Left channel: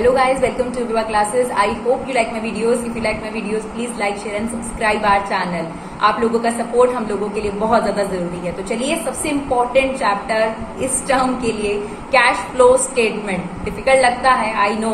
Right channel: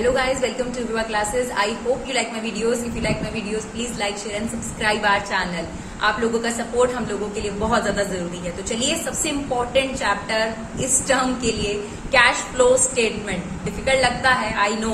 Hello guys, welcome to Viva Classes. I hope you like my videos. If you like my videos, please like, share and subscribe our channel. आप लोगों का support हम लोगों के लिए बहुत ज्यादा जरूरी है। तो चलिए सबसे इम्पोर्टेंट चैप्टर इस टर्म के लिए कैश फ्लो स्टेटमेंट। डिफिकल्ट लगता है, आई नो,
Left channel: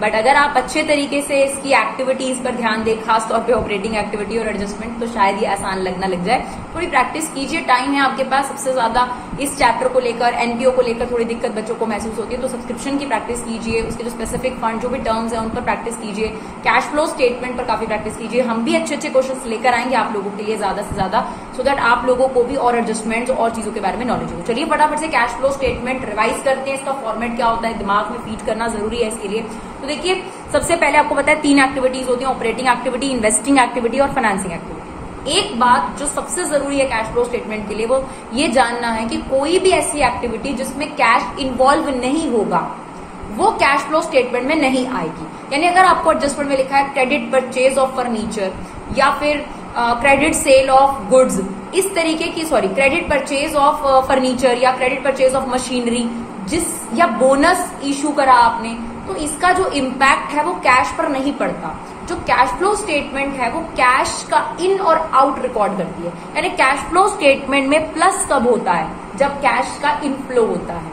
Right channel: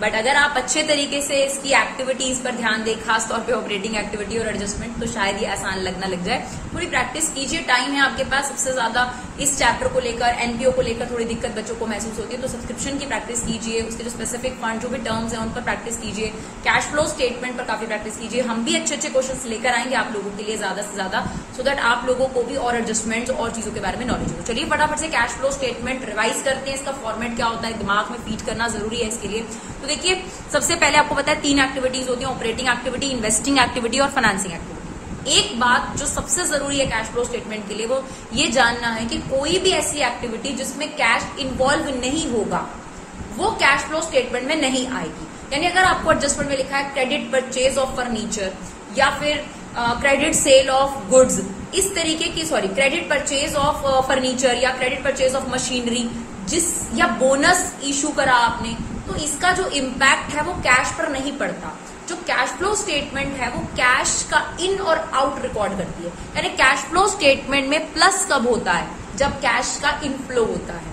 बट अगर आप अच्छे तरीके से इसकी एक्टिविटीज पर ध्यान दें, खास तौर पे ऑपरेटिंग एक्टिविटी और एडजस्टमेंट, तो शायद ये आसान लगना लग जाए। थोड़ी प्रैक्टिस कीजिए, टाइम है आपके पास। सबसे ज्यादा इस चैप्टर को लेकर, एनपीओ को लेकर थोड़ी दिक्कत बच्चों को महसूस होती है, तो सब्सक्रिप्शन की प्रैक्टिस कीजिए, उसके जो स्पेसिफिक फंड जो भी टर्म्स है उन पर प्रैक्टिस कीजिए, कैश फ्लो स्टेटमेंट पर काफी प्रैक्टिस कीजिए। हम भी अच्छे अच्छे क्वेश्चंस लेकर आएंगे आप लोगों के लिए ज्यादा से ज्यादा, सो दैट आप लोगों को भी और एडजस्टमेंट और चीजों के बारे में नॉलेज हो। चलिए फटाफट से कैश फ्लो स्टेटमेंट रिवाइज करते हैं। इसका फॉर्मेट क्या होता है, दिमाग में फीड करना जरूरी है इसके लिए। तो देखिए, सबसे पहले आपको पता है 3 एक्टिविटीज होती है, ऑपरेटिंग एक्टिविटी, इन्वेस्टिंग एक्टिविटी और फाइनेंसिंग एक्टिविटी। एक बात जो सबसे जरूरी है कैश फ्लो स्टेटमेंट के लिए, वो ये जानना है कि कोई भी ऐसी एक्टिविटी जिसमें कैश इन्वॉल्व नहीं होगा वो कैश फ्लो स्टेटमेंट में नहीं आएगी। यानी अगर आपको एडजस्टमेंट में लिखा है क्रेडिट परचेज ऑफ फर्नीचर या फिर क्रेडिट सेल ऑफ गुड्स, इस तरीके की, क्रेडिट परचेज ऑफ फर्नीचर या क्रेडिट परचेज ऑफ मशीनरी, या बोनस इशू करा आपने, तो इसका जो इम्पैक्ट है वो कैश पर नहीं पड़ता। जो कैश फ्लो स्टेटमेंट है वो कैश का इन और आउट रिकॉर्ड करती है। यानी कैश फ्लो स्टेटमेंट में प्लस कब होता है, जब कैश का इनफ्लो होता है।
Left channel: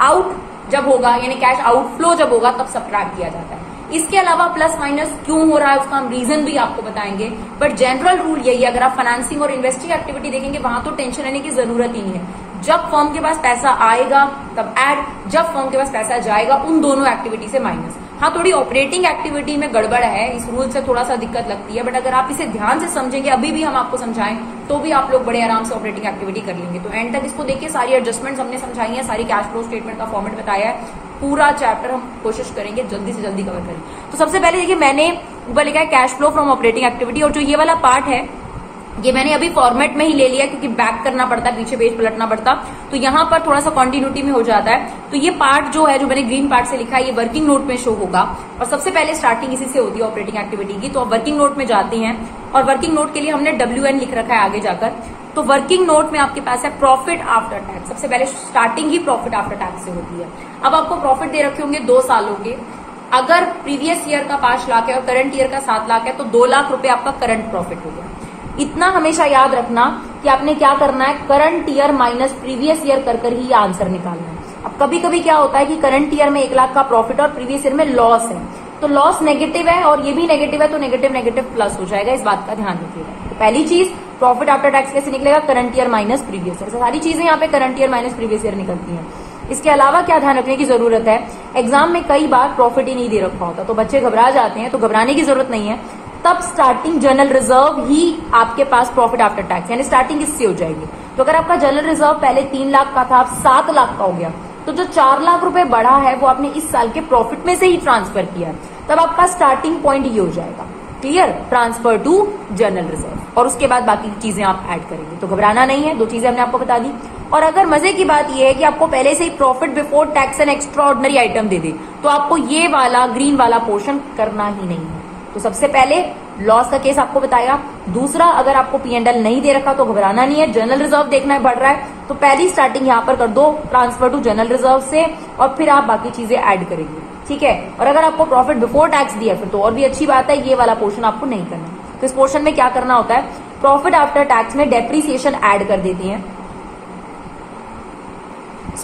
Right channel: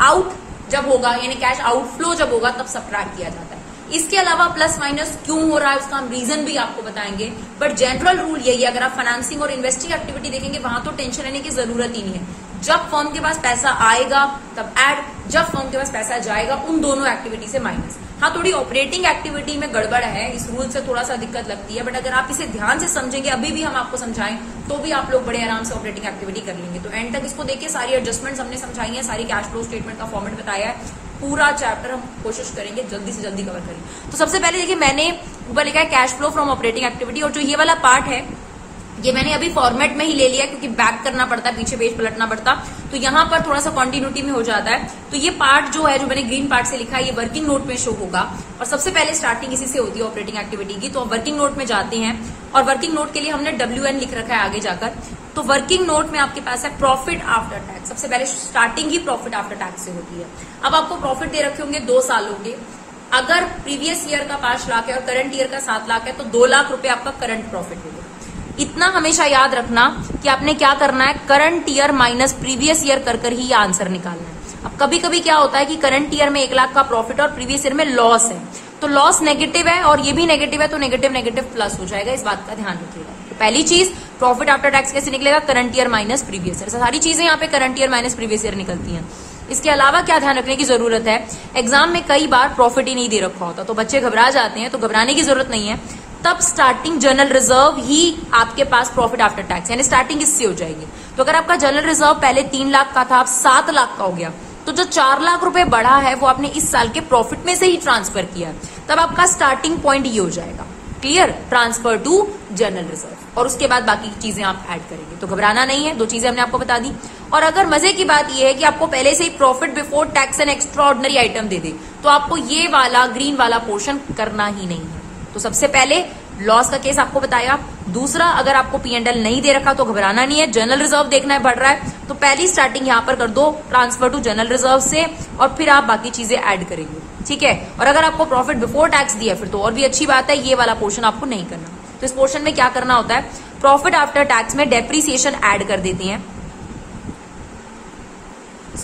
आउट जब होगा, यानी कैश आउटफ्लो जब होगा, तब सबट्रैक्ट किया जाता है। इसके अलावा प्लस माइनस क्यों हो रहा है उसका हम रीजन भी आपको बताएंगे, बट जनरल रूल यही है। अगर आप फाइनेंसिंग और इन्वेस्टिंग एक्टिविटी देखेंगे, वहां तो टेंशन लेने की जरूरत ही नहीं है। जब फर्म के पास पैसा आएगा तब ऐड, जब फर्म के पास पैसा जाएगा उन दोनों एक्टिविटी से माइनस। हाँ, थोड़ी ऑपरेटिंग एक्टिविटी में गड़बड़ है, इस रूल से थोड़ा सा दिक्कत लगती है, बट अगर आप इसे ध्यान से समझेंगे, अभी भी हम आपको समझाएं, तो भी आप लोग बड़े आराम से ऑपरेटिंग एक्टिविटी कर लेंगे। तो एंड तक इसको देखिए, सारी एडजस्टमेंट हमने समझाई है, सारी कैश फ्लो स्टेटमेंट का फॉर्मेट बताया है। पूरा चैप्टर हम कोशिश करेंगे जल्दी से जल्दी कवर करें। तो सबसे पहले देखिए, मैंने ऊपर लिखा है cash flow from operating activity, और जो ये वाला पार्ट है ये मैंने अभी फॉर्मेट में ही ले लिया क्योंकि बैक करना पड़ता है, पीछे पेज पलटना पड़ता, तो यहाँ पर थोड़ा सा कंटिन्यूटी में हो जाता है। तो ये पार्ट जो है, जो मैंने ग्रीन पार्ट से लिखा है, ये वर्किंग नोट में शो होगा, और सबसे पहले स्टार्टिंग इसी से होती है ऑपरेटिंग एक्टिविटी की। तो अब वर्किंग नोट में जाते हैं, और वर्किंग नोट के लिए हमने WN लिख रखा है आगे जाकर। तो वर्किंग नोट में आपके पास है प्रॉफिट आफ्टर टैक्स। सबसे पहले स्टार्टिंग ही प्रॉफिट आफ्टर टैक्स से होती है। अब आपको प्रॉफिट दे रखे होंगे 2 सालों के। अगर प्रीवियस ईयर का 5 लाख है और करंट ईयर का 7 लाख है, तो 2 लाख रुपए आपका करंट प्रॉफिट हो गया। इतना हमेशा याद रखना कि आपने क्या करना है, current year minus previous year कर ही आंसर निकालना है। अब कभी कभी क्या होता है कि करंट ईयर में 1 लाख का प्रॉफिट और प्रीवियस ईयर में लॉस है, तो लॉस नेगेटिव है और ये भी नेगेटिव है, तो नेगेटिव नेगेटिव प्लस हो जाएगा, इस बात का ध्यान रखिएगा। तो पहली चीज, प्रॉफिट आफ्टर टैक्स कैसे निकलेगा, current year minus previous year. सारी चीजें यहाँ पे current year minus previous year निकलती हैं। इसके अलावा क्या ध्यान रखने की जरूरत है, एग्जाम में कई बार प्रॉफिट ही नहीं दे रखा होता, तो बच्चे घबरा जाते हैं, तो घबराने की जरूरत नहीं है। तब स्टार्टिंग जनरल रिजर्व ही आपके पास प्रॉफिट आफ्टर टैक्स, यानी स्टार्टिंग इससे हो जाएगी। तो अगर आपका जनरल रिजर्व पहले 3 लाख का था, अब 7 लाख का हो गया, तो जो 4 लाख रुपए बढ़ा है वो आपने इस साल के प्रॉफिट में से ही ट्रांसफर किया है, तब आपका स्टार्टिंग पॉइंट ये हो जाएगा। Clear, transfer to general reserve, और उसके बाद बाकी चीजें आप ऐड करेंगे। तो घबराना नहीं है, 2 चीजें हमने आपको बता दी। और अगर मजे की बात यह है कि आपको पहले से ही profit before tax and extraordinary item दे दे, तो आपको ये वाला ग्रीन वाला पोर्शन करना ही नहीं है। तो सबसे पहले लॉस का केस आपको बताया। दूसरा, अगर आपको P&L नहीं दे रखा तो घबराना नहीं है, जनरल रिजर्व देखना है बढ़ रहा है, तो पहली स्टार्टिंग यहां पर कर दो ट्रांसफर टू जनरल रिजर्व से, और फिर आप बाकी चीजें ऐड करेंगे, ठीक है। और अगर आपको प्रॉफिट बिफोर टैक्स दिया फिर तो और भी अच्छी बात है, ये वाला पोर्शन आपको नहीं करना। तो इस पोर्शन में क्या करना होता है, प्रॉफिट आफ्टर टैक्स में डेप्रीसिएशन ऐड कर देते हैं।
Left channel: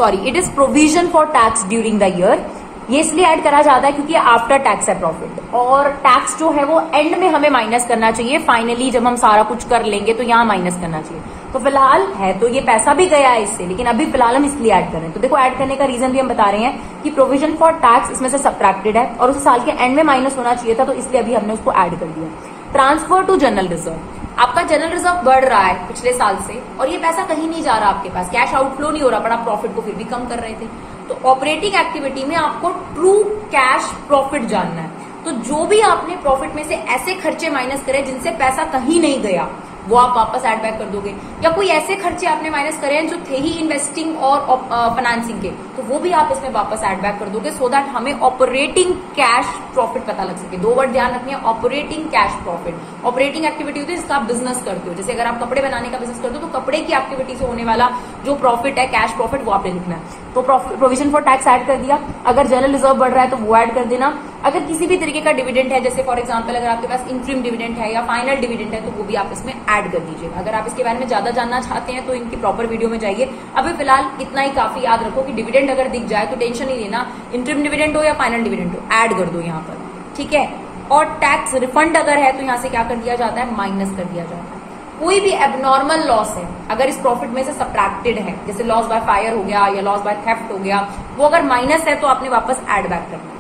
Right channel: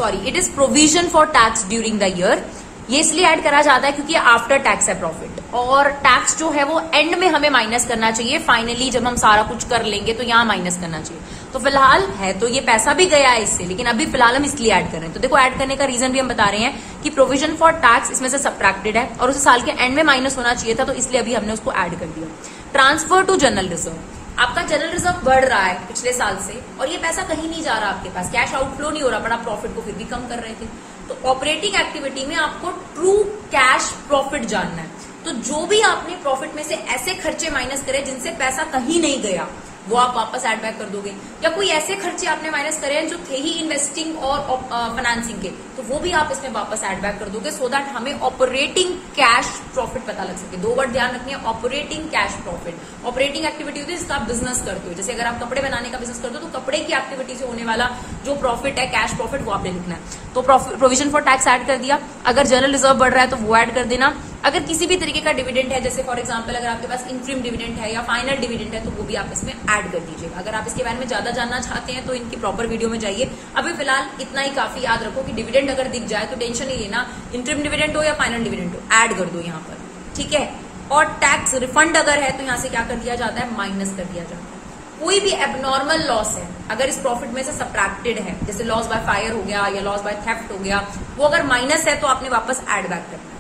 It is provision for tax during the year. ये इसलिए ऐड करा जाता है क्योंकि आफ्टर टैक्स है प्रॉफिट, और टैक्स जो है वो एंड में हमें माइनस करना चाहिए। फाइनली जब हम सारा कुछ कर लेंगे तो यहाँ माइनस करना चाहिए। तो फिलहाल है तो ये पैसा भी गया है इससे, लेकिन अभी फिलहाल हम इसलिए ऐड कर रहे हैं। तो देखो, ऐड करने का रीजन भी हम बता रहे हैं कि प्रोविजन फॉर टैक्स इसमें से सबट्रैक्टेड है और उसे साल के एंड में माइनस होना चाहिए था, तो इसलिए अभी हमने उसको ऐड कर दिया। ट्रांसफर टू जनरल रिजर्व, आपका जनरल रिजर्व बढ़ रहा है पिछले साल से, और ये पैसा कहीं नहीं जा रहा आपके पास, कैश आउटफ्लो नहीं हो रहा, पर आप प्रॉफिट को फिर भी कम कर रहे थे। तो ऑपरेटिंग एक्टिविटी में आपको ट्रू कैश प्रॉफिट जानना है। तो जो भी आपने प्रॉफिट में से ऐसे खर्चे माइनस करे जिनसे पैसा कहीं नहीं गया, वो आप वापस एड बैक कर दोगे, या कोई ऐसे खर्चे आपने माइनस करे हैं जो थे ही इन्वेस्टिंग और फाइनेंसिंग के, तो वो भी आप इसमें वापस एड बैक कर दोगे, सो दैट हमें ऑपरेटिंग कैश प्रॉफिट पता लग सके। 2 वर्ड ध्यान रखनी है, operating cash profit. Operating activity होती है जिसका आप बिजनेस करते हो, जैसे अगर आप कपड़े बनाने का बिजनेस करते हो तो कपड़े की एक्टिविटी से होने वाला जो प्रॉफिट है, कैश प्रॉफिट, वो आपने लिखना है। तो प्रोविजन फॉर टैक्स ऐड कर दिया, अगर जनरल रिजर्व बढ़ रहा है तो वो ऐड कर देना, अगर किसी भी तरीके का डिविडेंड है, जैसे फॉर एग्जांपल अगर आपके पास इंटरिम डिविडेंड है या फाइनल डिविडेंड है, तो वो भी आप इसमें ऐड कर दीजिएगा। अगर आप इसके बारे में ज्यादा जानना चाहते हैं तो इनकी प्रॉपर वीडियो में जाइए। अभी फिलहाल इतना ही काफी याद रखो कि डिविडेंड अगर दिख जाए तो टेंशन नहीं लेना, इंटरिम डिविडेंड हो या फाइनल डिविडेंड हो, ऐड कर दो यहाँ पर, ठीक है। और टैक्स रिफंड अगर है तो यहाँ से क्या कर दिया जाता है, माइनस कर दिया जाता है। कोई भी एबनॉर्मल लॉस है अगर इस प्रॉफिट में से सब्ट्रैक्टेड है, जैसे लॉस बाय फायर हो गया या लॉस बाय थेफ्ट हो गया, वो अगर माइनस है तो आपने वापस ऐड बैक करना है।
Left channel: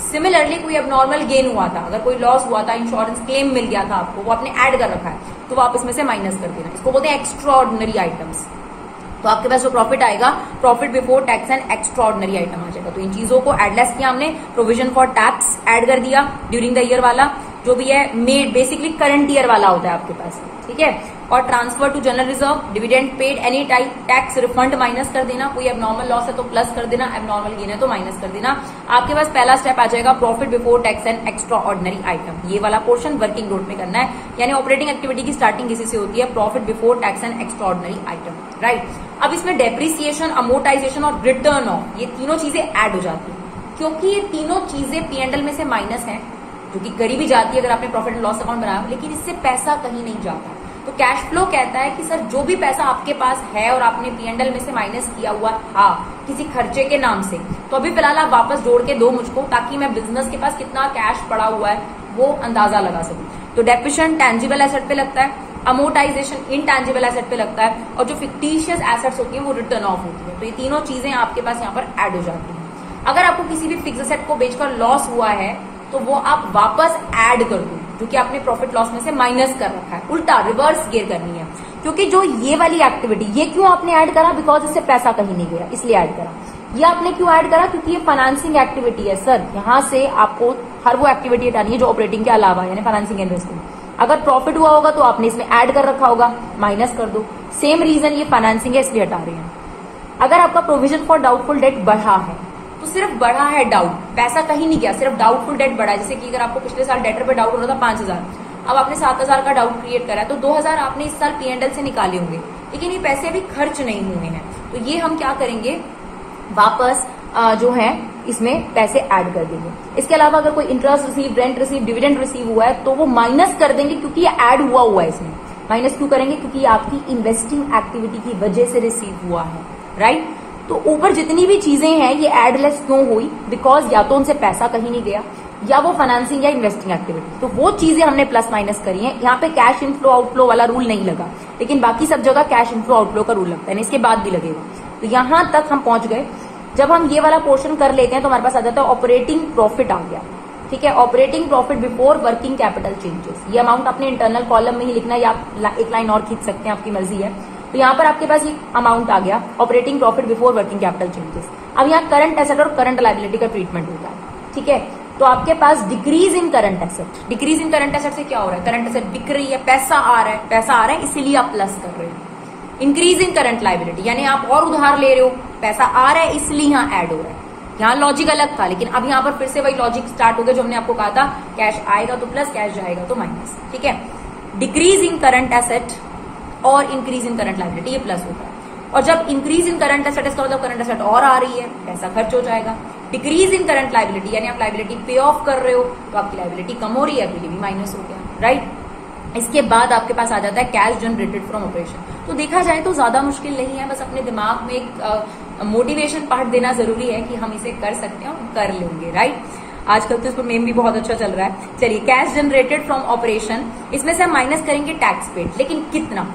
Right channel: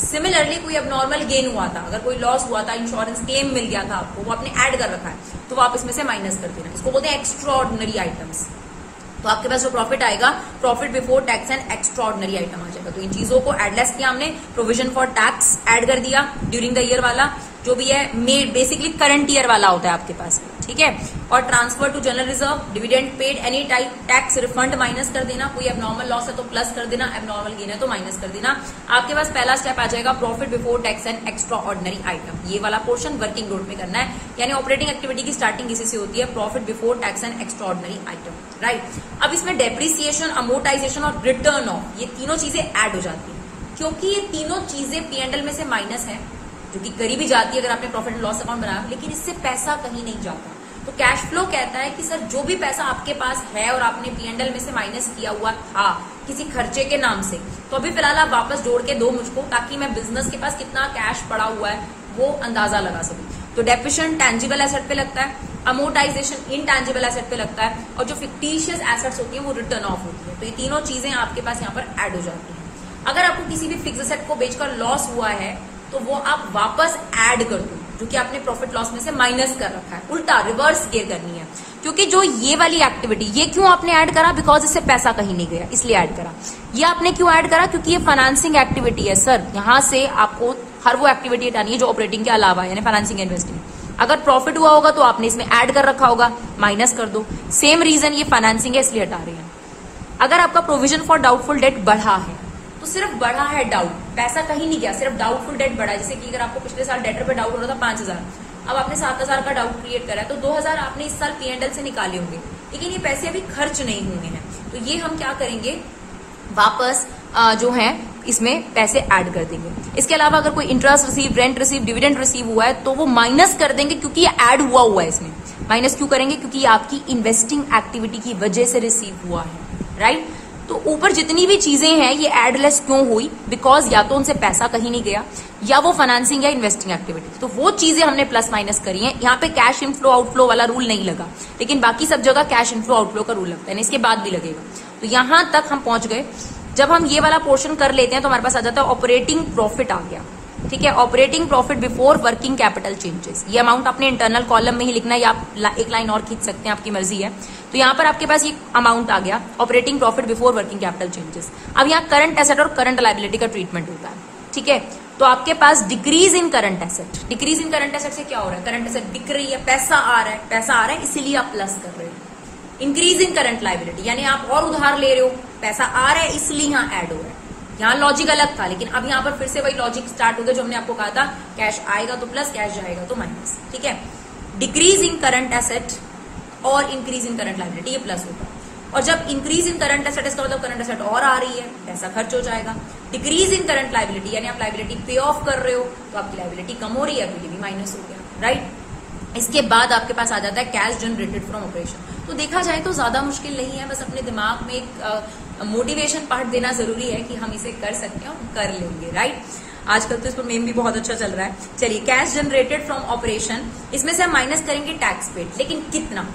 सिमिलरली कोई एबनॉर्मल गेन हुआ था, अगर कोई लॉस हुआ था, इंश्योरेंस क्लेम मिल गया था आपको, वो आपने ऐड कर रखा है, तो आप इसमें से माइनस कर देना। इसको बोलते हैं एक्स्ट्रा ऑर्डिनरी आइटम्स। तो आपके पास जो प्रॉफिट आएगा, profit before tax and extraordinary item आ जाएगा। तो इन चीजों को एडलेस किया हमने, प्रोविजन फॉर टैक्स ऐड कर दिया ड्यूरिंग द ईयर वाला, जो भी है मेड बेसिकली करंट ईयर वाला होता है आपके पास, ठीक है। और transfer to general reserve, dividend paid any type, tax refund minus कर देना, कोई एबनॉर्मल लॉस है तो प्लस कर देना, एबनॉर्मल गेन है तो माइनस कर देना। आपके पास पहला स्टेप आ जाएगा profit before tax and extraordinary item. ये वाला पोर्शन वर्किंग नोट में करना है, यानी ऑपरेटिंग एक्टिविटी की स्टार्टिंग इसी से होती है, profit before tax and extraordinary item, right. अब इसमें डेप्रिसिएशन, अमोर्टाइजेशन और रिटर्न ऑफ, ये तीनों चीजें ऐड हो जाती है, क्योंकि ये तीनों चीजें P&L में से माइनस है, जो कि करी भी जाती है अगर आपने प्रॉफिट एंड लॉस अकाउंट बनाया, लेकिन इससे पैसा कहीं नहीं जाता। तो कैश फ्लो कहता है कि सर जो भी पैसा आपके पास है और आपने P&L में से माइनस किया हुआ था किसी खर्चे के नाम से, तो अभी फिलहाल आप वापस जोड़ के दो मुझको, ताकि मैं बिजनेस के पास कितना कैश पड़ा हुआ है वो अंदाजा लगा सकूं। तो डेप्रिसिएशन टैंजिबल एसेट पे लगता है, अमोर्टाइजेशन इनटैंजिबल एसेट पे लगता है, और जो फिक्टिशियस एसेट्स होती हैं वो रिटर्न ऑफ होती है। तो ये तीनों चीजें आपके पास यहाँ पर ऐड हो जाती हैं। अगर आपको किसी भी फिक्स एसेट को बेचकर लॉस हुआ है तो वो आप वापस ऐड कर दो, जो कि आपने प्रॉफिट लॉस में से माइनस कर रखा है, उल्टा रिवर्स गियर करनी है। क्योंकि जो ये वाली एक्टिविटी, ये क्यों आपने ऐड करा, बिकॉज इससे पैसा कहीं नहीं गया इसलिए ऐड करा। ये आपने क्यों ऐड करा, क्योंकि ये फाइनेंसिंग एक्टिविटी है सर, यहाँ से आपको हर वो एक्टिविटी हटानी है जो ऑपरेटिंग के अलावा, यानी फाइनेंसिंग इन्वेस्टिंग। अगर प्रॉफिट हुआ होगा तो आपने इसमें ऐड कर रखा होगा, माइनस कर दो। सेम रीजन, ये फाइनेंसिंग है इसलिए हटा रहे हैं। अगर आपका प्रोविजन फॉर डाउटफुल डेट बढ़ा है तो सिर्फ बढ़ा है डाउट, पैसा कहीं नहीं गया, सिर्फ डाउटफुल डेट बढ़ा है। जैसे कि अगर आपको पिछले साल डेटर पे डाउट हो रहा था 5,000, अब आपने 7,000 का डाउट क्रिएट करा है, तो 2,000 आपने इस साल P&L से निकाले होंगे, लेकिन ये पैसे अभी खर्च नहीं हुए हैं। तो ये हम क्या करेंगे, वापस जो है इसमें पैसे ऐड कर देंगे। इसके अलावा अगर कोई interest receive, rent receive, dividend receive हुआ है तो वो माइनस कर देंगे, क्योंकि ये ऐड हुआ है इसमें। माइनस क्यों करेंगे, क्योंकि ये आपकी इन्वेस्टिंग एक्टिविटी की वजह से रिसीव हुआ है, राइट। तो ऊपर जितनी भी चीजें हैं ये एडलेस क्यों हुई, बिकॉज या तो उनसे पैसा कहीं नहीं गया, या वो फाइनेंसिंग या इन्वेस्टिंग एक्टिविटी, तो वो चीजें हमने प्लस माइनस करी है। यहाँ पे कैश इनफ्लो आउटफ्लो वाला रूल नहीं लगा, लेकिन बाकी सब जगह कैश इनफ्लो आउटफ्लो का रूल लगता है, इसके बाद भी लगेगा। तो यहां तक हम पहुंच गए। जब हम ये वाला पोर्शन कर लेते हैं तो हमारे पास आ जाता है ऑपरेटिंग प्रॉफिट आ गया, ठीक है। Operating profit before working capital changes, ये अमाउंट अपने इंटरनल कॉलम में ही लिखना है, या आप एक लाइन और खींच सकते हैं, आपकी मर्जी है। तो यहाँ पर आपके पास ये अमाउंट आ गया, operating profit before working capital changes. अब यहाँ करंट एसेट और करंट लायबिलिटी का ट्रीटमेंट होता है, ठीक है। तो आपके पास decrease in current asset, decrease in current asset से क्या हो रहा है, करंट एसेट बिक रही है, पैसा आ रहा है, इसीलिए आप प्लस कर रहे हो। इंक्रीज इन करंट लायबिलिटी, यानी आप और उधार ले रहे हो, पैसा आ रहा है इसलिए यहाँ ऐड हो रहा है। यहाँ लॉजिक अलग था, लेकिन अब यहाँ पर फिर से वही लॉजिक स्टार्ट हो गया जो हमने आपको कहा था, कैश आएगा तो प्लस, कैश जाएगा तो माइनस, ठीक है। डिक्रीज इन करंट एसेट और इंक्रीज इन करंट लायबिलिटी, ये प्लस होता है। और जब इंक्रीज इन करंट एसेट, इसका मतलब करंट एसेट और आ रही है, पैसा खर्च हो जाएगा। डिक्रीज इन करंट लायबिलिटी, यानी आप लायबिलिटी पे ऑफ कर रहे हो तो आपकी लायबिलिटी कम हो रही है, आपके लिए भी माइनस हो गया, राइट। इसके बाद आपके पास आ जाता है कैश जनरेटेड फ्रॉम ऑपरेशन। तो देखा जाए तो ज्यादा मुश्किल नहीं है, बस अपने दिमाग में एक मोटिवेशन पार्ट देना जरूरी है कि हम इसे कर सकते हैं और कर लेंगे, राइट। आजकल तो इसको मेम भी बहुत अच्छा चल रहा है। चलिए, कैश जनरेटेड फ्रॉम ऑपरेशन, इसमें से हम माइनस करेंगे टैक्स पेड, लेकिन कितना,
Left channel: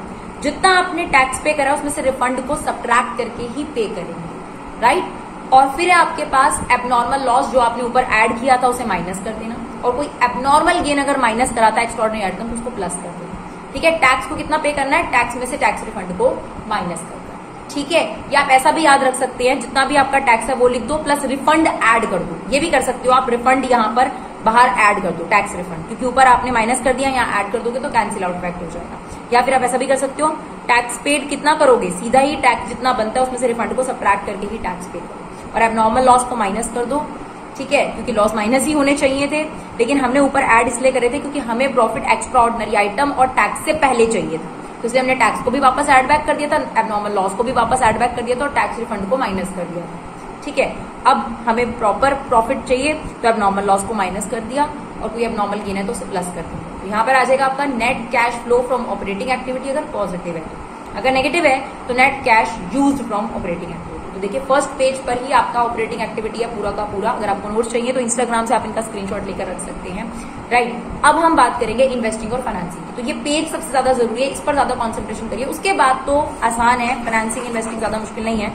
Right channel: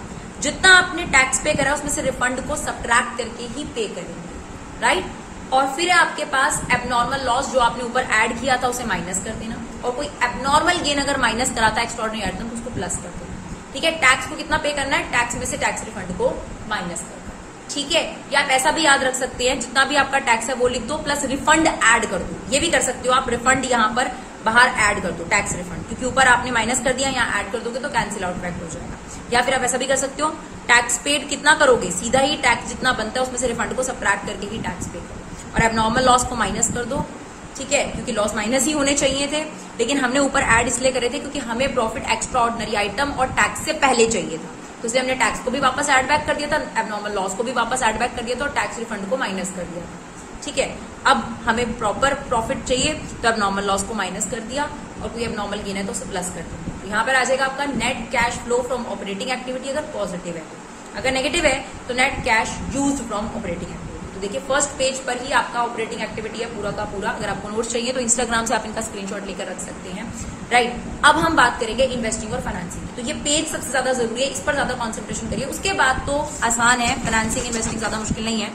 जितना आपने टैक्स पे करा उसमें से रिफंड को सब्ट्रैक्ट करके ही पे करेंगे, राइट। और फिर आपके पास एबनॉर्मल लॉस जो आपने ऊपर ऐड किया था उसे माइनस कर देना, और कोई एबनॉर्मल गेन अगर माइनस कराता है एक्स्ट्राऑर्डिनरी आइटम तो उसको प्लस कर देना, ठीक है। टैक्स को कितना पे करना है, टैक्स में से टैक्स रिफंड को माइनस करना, ठीक है। या आप ऐसा भी याद रख सकते हैं, जितना भी आपका टैक्स है वो लिख दो, प्लस रिफंड ऐड कर दो, ये भी कर सकते हो आप। रिफंड यहाँ पर बाहर ऐड कर दो टैक्स रिफंड, क्योंकि ऊपर आपने माइनस कर दिया, यहाँ ऐड कर दोगे तो कैंसिल आउट इफेक्ट हो जाएगा। या फिर आप ऐसा भी कर सकते हो, टैक्स पेड कितना करोगे, सीधा ही टैक्स जितना बनता है उसमें से रिफंड को सबट्रैक्ट करके ही टैक्स पेड करो, और एबनॉर्मल लॉस को माइनस कर दो। ठीक है, क्योंकि लॉस माइनस ही होने चाहिए थे, लेकिन हमने ऊपर ऐड इसलिए करे थे क्योंकि हमें प्रॉफिट एक्स्ट्रा ऑर्डिनरी आइटम और टैक्स से पहले चाहिए था, तो इसलिए हमने टैक्स को भी वापस ऐड बैक कर दिया था, एबनॉर्मल लॉस को भी वापस ऐड बैक कर दिया था और टैक्स रिफंड को माइनस कर दिया था। ठीक है, अब हमें प्रॉपर प्रॉफिट चाहिए तो एबनॉर्मल लॉस को माइनस कर दिया, और कोई एबनॉर्मल गेन है तो उसे प्लस कर दिया। तो यहाँ पर आ जाएगा आपका net cash flow from operating activity अगर पॉजिटिव है, अगर नेगेटिव है तो net cash used from operating activity. तो देखिए फर्स्ट पेज पर ही आपका ऑपरेटिंग एक्टिविटी है पूरा का पूरा। अगर आपको नोट्स चाहिए तो इंस्टाग्राम से आप इनका स्क्रीनशॉट लेकर रख सकते हैं। राइट, अब हम बात करेंगे इन्वेस्टिंग और फाइनेंसिंग। तो ये पेज सबसे ज्यादा जरूरी है, इस पर ज्यादा कॉन्सेंट्रेशन करिए। उसके बाद तो आसान है, फाइनेंसिंग इन्वेस्टिंग ज्यादा मुश्किल नहीं है।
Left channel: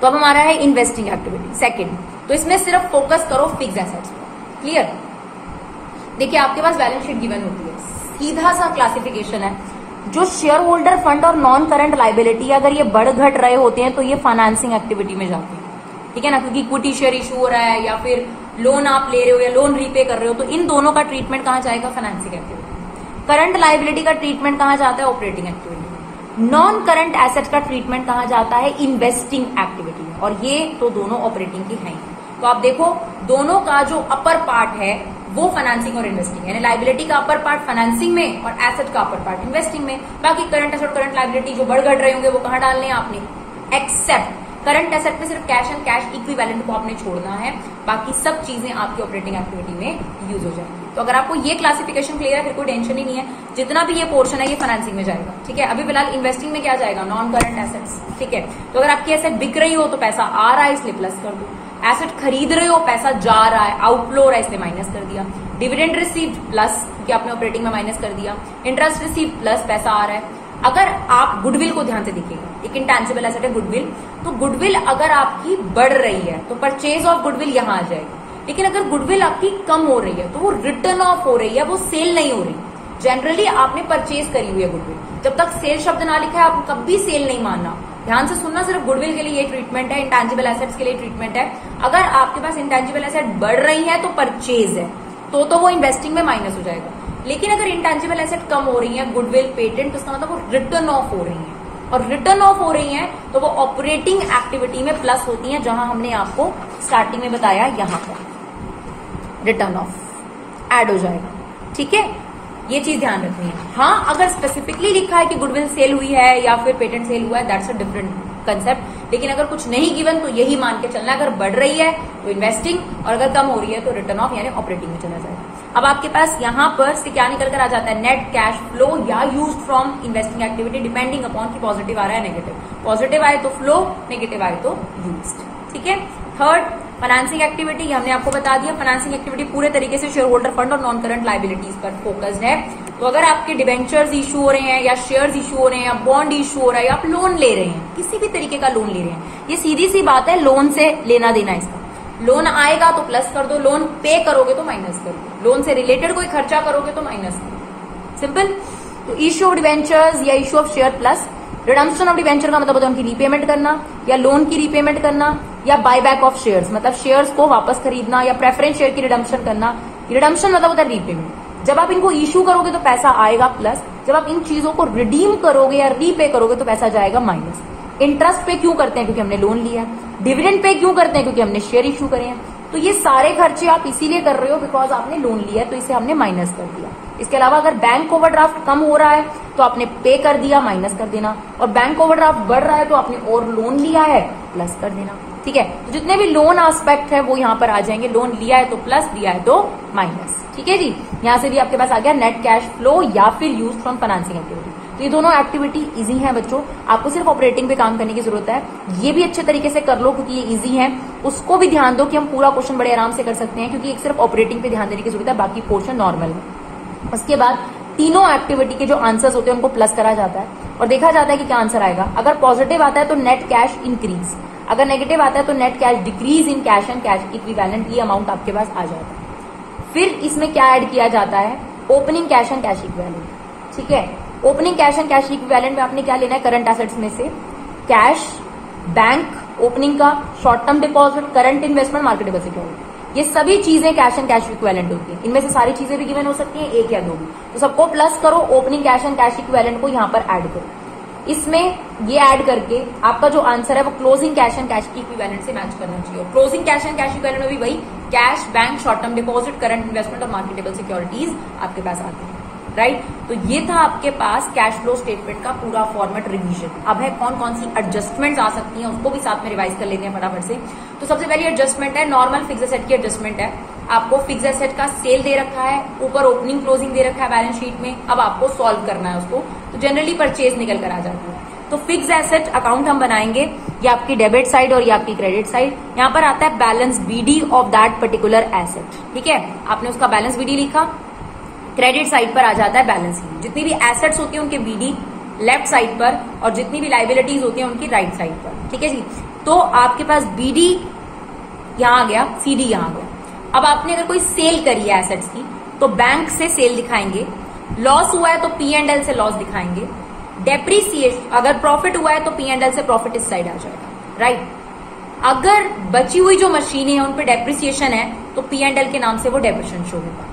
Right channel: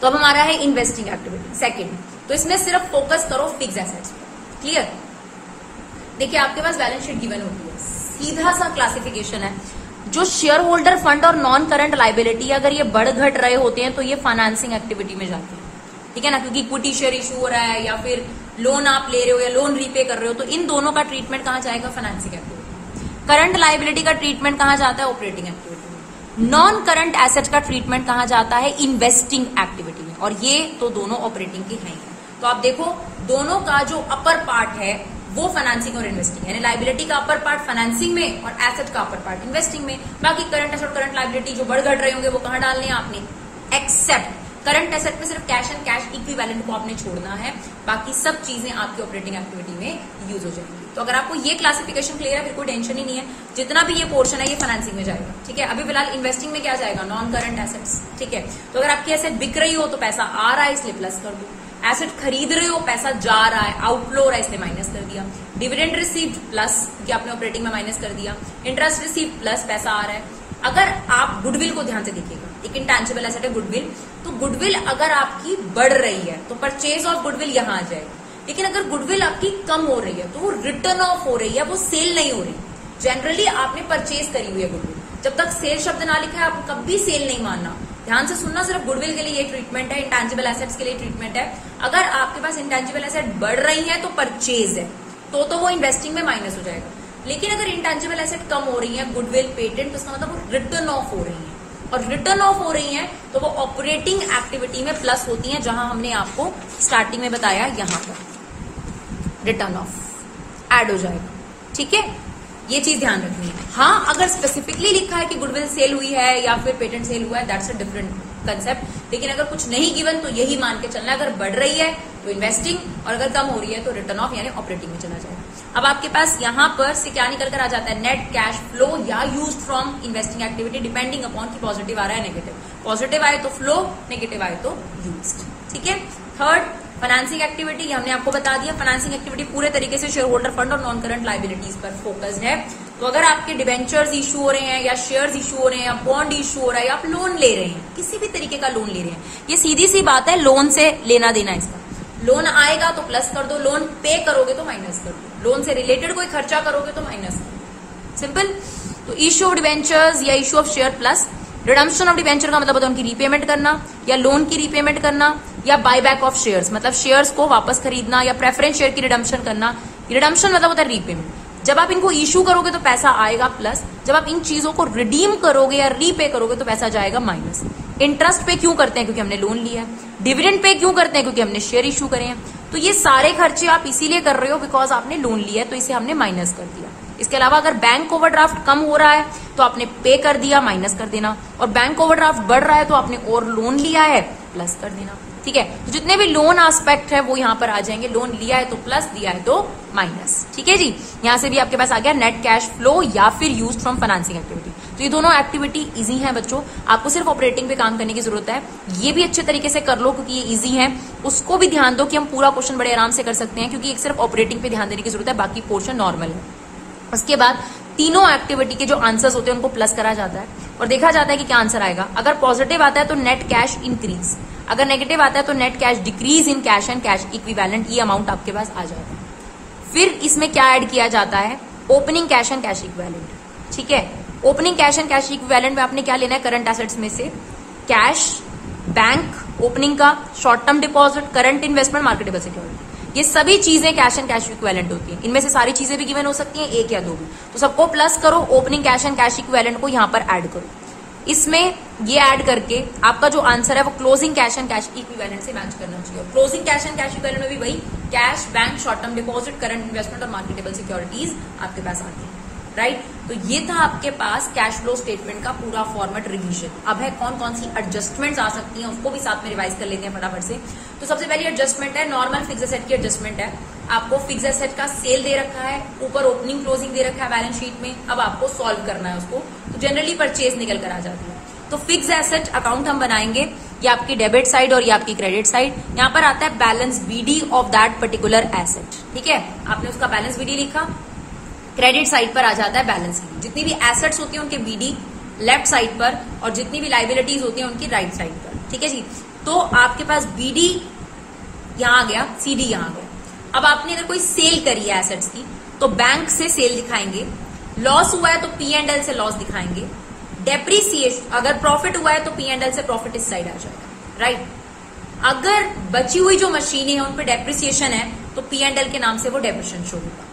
तो अब हमारा है इन्वेस्टिंग एक्टिविटी सेकंड। तो इसमें सिर्फ फोकस करो फिक्स एसेट्स पर। क्लियर, देखिए आपके पास बैलेंस शीट गिवन होती है, सीधा सा क्लासिफिकेशन है। जो शेयर होल्डर फंड और नॉन करंट लाइबिलिटी अगर ये बढ़ घट रहे होते हैं तो ये फाइनेंसिंग एक्टिविटी में जाते हैं। ठीक है ना, क्योंकि इक्विटी शेयर इशू हो रहा है या फिर लोन आप ले रहे हो या लोन रीपे कर रहे हो, तो इन दोनों का ट्रीटमेंट कहां जाएगा, फाइनेंसिंग एक्टिविटी। करंट लाइबिलिटी का ट्रीटमेंट कहां जाता है, operating activity. Non current asset का ट्रीटमेंट कहां जाता है, इन्वेस्टिंग एक्टिविटी में, और ये तो दोनों ऑपरेटिंग की है। तो आप देखो दोनों का जो अपर पार्ट है वो फाइनेंसिंग और इन्वेस्टिंग, यानी लाइबिलिटी का अपर पार्ट फाइनेंसिंग में और एसेट का अपर पार्ट इन्वेस्टिंग में। बाकी करंट एसेट करंट लाइबिलिटी जो बढ़ घट रहे होंगे वो कहां डालने हैं आपने, एक्सेप्ट करंट एसेट में सिर्फ कैश एंड कैश इक्विवेलेंट को आपने छोड़ना है, बाकी सब चीजें आपकी ऑपरेटिंग एक्टिविटी में यूज हो जाएंगी। तो अगर आपको ये क्लासिफिकेशन क्लियर है फिर कोई टेंशन ही नहीं है, जितना भी ये पोर्शन है ये फाइनेंसिंग में जाएगा। ठीक है, अभी फिलहाल इन्वेस्टिंग में क्या जाएगा, नॉन करंट एसेट्स। ठीक है, तो अगर आपकी एसेट बिक रही हो तो पैसा आ रहा है इसलिए प्लस कर दो, एसेट खरीद रहे हो पैसा जा रहा है आउटफ्लो हो रहा है इसलिए माइनस कर दिया, डिविडेंड रिसीव्ड प्लस क्योंकि आपने ऑपरेटिंग में माइनस कर दिया, इंटरेस्ट रिसीव्ड प्लस पैसा आ रहा है। अगर आप गुडविल को ध्यान से देखिएगा, एक इंटेंजिबल एसेट है गुडविल, तो गुडविल अगर आपकी बढ़ रही है तो परचेज ऑफ गुडविल यहां आ जाएगी। लेकिन अगर गुडविल आपकी कम हो रही है तो वो रिटर्न ऑफ हो रही है, वो सेल नहीं हो रही। जनरली आपने परचेज करी हुई है गुडविल, जब तक सेल शब्द ना लिखा है आप कभी सेल नहीं मानना। ध्यान से सुनना, सिर्फ गुडविल के लिए ये ट्रीटमेंट है, इंटेंजिबल एसेट्स के लिए ट्रीटमेंट है। अगर आपके पास इंटेंजिबल एसेट बढ़ रही है तो परचेज है, तो वो इन्वेस्टिंग में माइनस हो जाएगा। लेकिन अगर इंटेंजिबल एसेट कम हो रही है, गुडविल पेटेंट, तो इसका मतलब वो रिटर्न ऑफ हो रही है, और रिटर्न ऑफ हो रही है तो वो ऑपरेटिंग एक्टिविटी में प्लस होती है, जहां हमने आपको स्टार्टिंग में बताया यहां पर रिटर्न ऑफ ऐड हो जाएगा। ठीक है, ये चीज ध्यान रखनी है। हाँ, अगर स्पेसिफिकली लिखा है कि गुडविल सेल हुई है या फिर पेटेंट सेल हुआ है, दैट्स अ डिफरेंट कंसेप्ट। लेकिन अगर कुछ नहीं गिवन तो यही मान के चलना, अगर बढ़ रही है तो इन्वेस्टिंग और अगर कम हो रही है तो रिटर्न ऑफ यानी ऑपरेटिंग में चला जाएगा। अब आपके पास यहाँ पर से क्या निकल कर आ जाता है, नेट कैश फ्लो या use from investing activity depending upon कि पॉजिटिव आ रहा है नेगेटिव। पॉजिटिव आए तो फ्लो, नेगेटिव आए तो यूज। ठीक है, थर्ड फाइनेंसिंग एक्टिविटी हमने आपको बता दिया। फाइनेंसिंग एक्टिविटी पूरे तरीके से शेयर होल्डर फंड और नॉन करंट लाइबिलिटीज पर फोकस्ड है। तो अगर आपके डिवेंचर्स इशू हो रहे हैं या शेयर्स इशू हो रहे हैं या बॉन्ड इशू हो रहा है या आप लोन ले रहे हैं, किसी भी तरीके का लोन ले रहे हैं, ये सीधी सी बात है, लोन से लेना देना इसका। लोन आएगा तो प्लस कर दो, लोन पे करोगे तो माइनस कर दो, लोन से रिलेटेड कोई खर्चा करोगे तो माइनस कर दो, सिंपल। तो इशू ऑफ डिवेंचर्स या issue of share plus redemption of debenture का मतलब होता है उनकी रीपेमेंट करना या लोन की रीपेमेंट करना या बायबैक ऑफ शेयर्स मतलब शेयर्स को वापस खरीदना या प्रेफरेंस शेयर की रिडम्पशन करना। रिडम्पशन मतलब होता है रीपेमेंट। जब आप इनको इशू करोगे तो पैसा आएगा प्लस, जब आप इन चीजों को रिडीम करोगे या रीपे करोगे तो पैसा जाएगा माइनस। इंटरेस्ट पे क्यों करते हैं, क्योंकि हमने लोन लिया। डिविडेंड पे क्यों करते हैं, क्योंकि हमने शेयर इशू करे हैं। तो ये सारे खर्चे आप इसीलिए कर रहे हो बिकॉज आपने लोन लिया, तो इसे हमने माइनस कर दिया। इसके अलावा अगर बैंक ओवरड्राफ्ट कम हो रहा है तो आपने पे कर दिया, माइनस कर देना, और बैंक ओवरड्राफ्ट बढ़ रहा है तो आपने और लोन लिया है, प्लस कर देना। ठीक है, तो जितने भी लोन एस्पेक्ट है वो यहाँ पर आ जाएंगे। लोन लिया है तो प्लस, दिया है तो माइनस। ठीक है जी, यहाँ से भी आपके पास आ गया नेट कैश फ्लो या फिर यूज फ्रॉम फाइनेंसिंग एक्टिविटी। तो ये दोनों एक्टिविटी इजी है बच्चों, आपको सिर्फ ऑपरेटिंग पे काम करने की जरूरत है। ये भी अच्छे तरीके से कर लो क्योंकि ये इजी है। उसको भी ध्यान दो कि हम पूरा क्वेश्चन बड़े आराम से कर सकते हैं, क्योंकि एक सिर्फ ऑपरेटिंग पे ध्यान देने की जरूरत है, बाकी पोर्शन नॉर्मल है। उसके बाद तीनों एक्टिविटी के जो आंसर्स होते हैं उनको प्लस करा जाता है और देखा जाता है कि क्या आंसर आएगा। अगर पॉजिटिव आता है तो नेट कैश इंक्रीज, अगर नेगेटिव आता है तो net cash decrease in cash and cash equivalent. ये अमाउंट आपके पास आ जाता है। फिर इसमें क्या ऐड किया जाता है, opening cash and cash equivalent. ठीक है, opening cash and cash equivalent में आपने क्या लेना है, करंट एसेट्स में से कैश, बैंक ओपनिंग का, short term deposit, current investment, marketable security. ये सभी चीजें कैश एंड कैश इक्विवेलेंट होती है। इनमें से सारी चीजें भी गिवन हो सकती हैं, एक या दो भी। तो सबको प्लस करो, opening cash and cash equivalent को यहाँ पर ऐड करो। इसमें ये ऐड करके आपका जो आंसर है वो closing cash and cash equivalent से मैच करना चाहिए। Closing cash and cash equivalent में भी वही cash, bank, short term deposit, current investment और मार्केटेबल सिक्योरिटीज आपके पास आते हैं, राइट। तो ये था आपके पास कैश फ्लो स्टेटमेंट का पूरा फॉर्मेट रिवीजन। अब है कौन कौन सी एडजस्टमेंट्स आ सकती हैं, उसको भी साथ में रिवाइज कर लेते हैं फटाफट से। तो सबसे पहली एडजस्टमेंट है नॉर्मल फिक्स एसेट की एडजस्टमेंट है। आपको फिक्स एसेट का सेल दे रखा है, ऊपर ओपनिंग क्लोजिंग दे रखा है बैलेंस शीट में, अब आपको सॉल्व करना है उसको। तो जनरली परचेज निकल कर आ जाती है। तो फिक्स एसेट अकाउंट हम बनाएंगे, ये आपकी डेबिट साइड और ये आपकी क्रेडिट साइड। यहाँ पर आता है balance BD of that particular asset, ठीक है। आपने उसका बैलेंस बीडी लिखा, क्रेडिट साइड पर आ जाता है बैलेंस बीडी। जितनी भी एसेट्स होती हैं उनके बीडी लेफ्ट साइड पर और जितनी भी लाइबिलिटीज होती हैं उनकी राइट साइड पर, ठीक है जी। तो आपके पास बीडी यहां आ गया, सीडी यहां आ गया। अब आपने अगर कोई सेल करी है एसेट्स की तो बैंक से सेल दिखाएंगे, लॉस हुआ है तो पी एंड एल से लॉस दिखाएंगे, डेप्रीसिएशन अगर प्रॉफिट हुआ है तो पी एंड एल से प्रॉफिट इस साइड आ जाएगा, राइट। अगर बची हुई जो मशीनें हैं उन पे डेप्रिसिएशन है तो पी एंड एल के नाम से वो डेप्रिसिएशन शो होगा।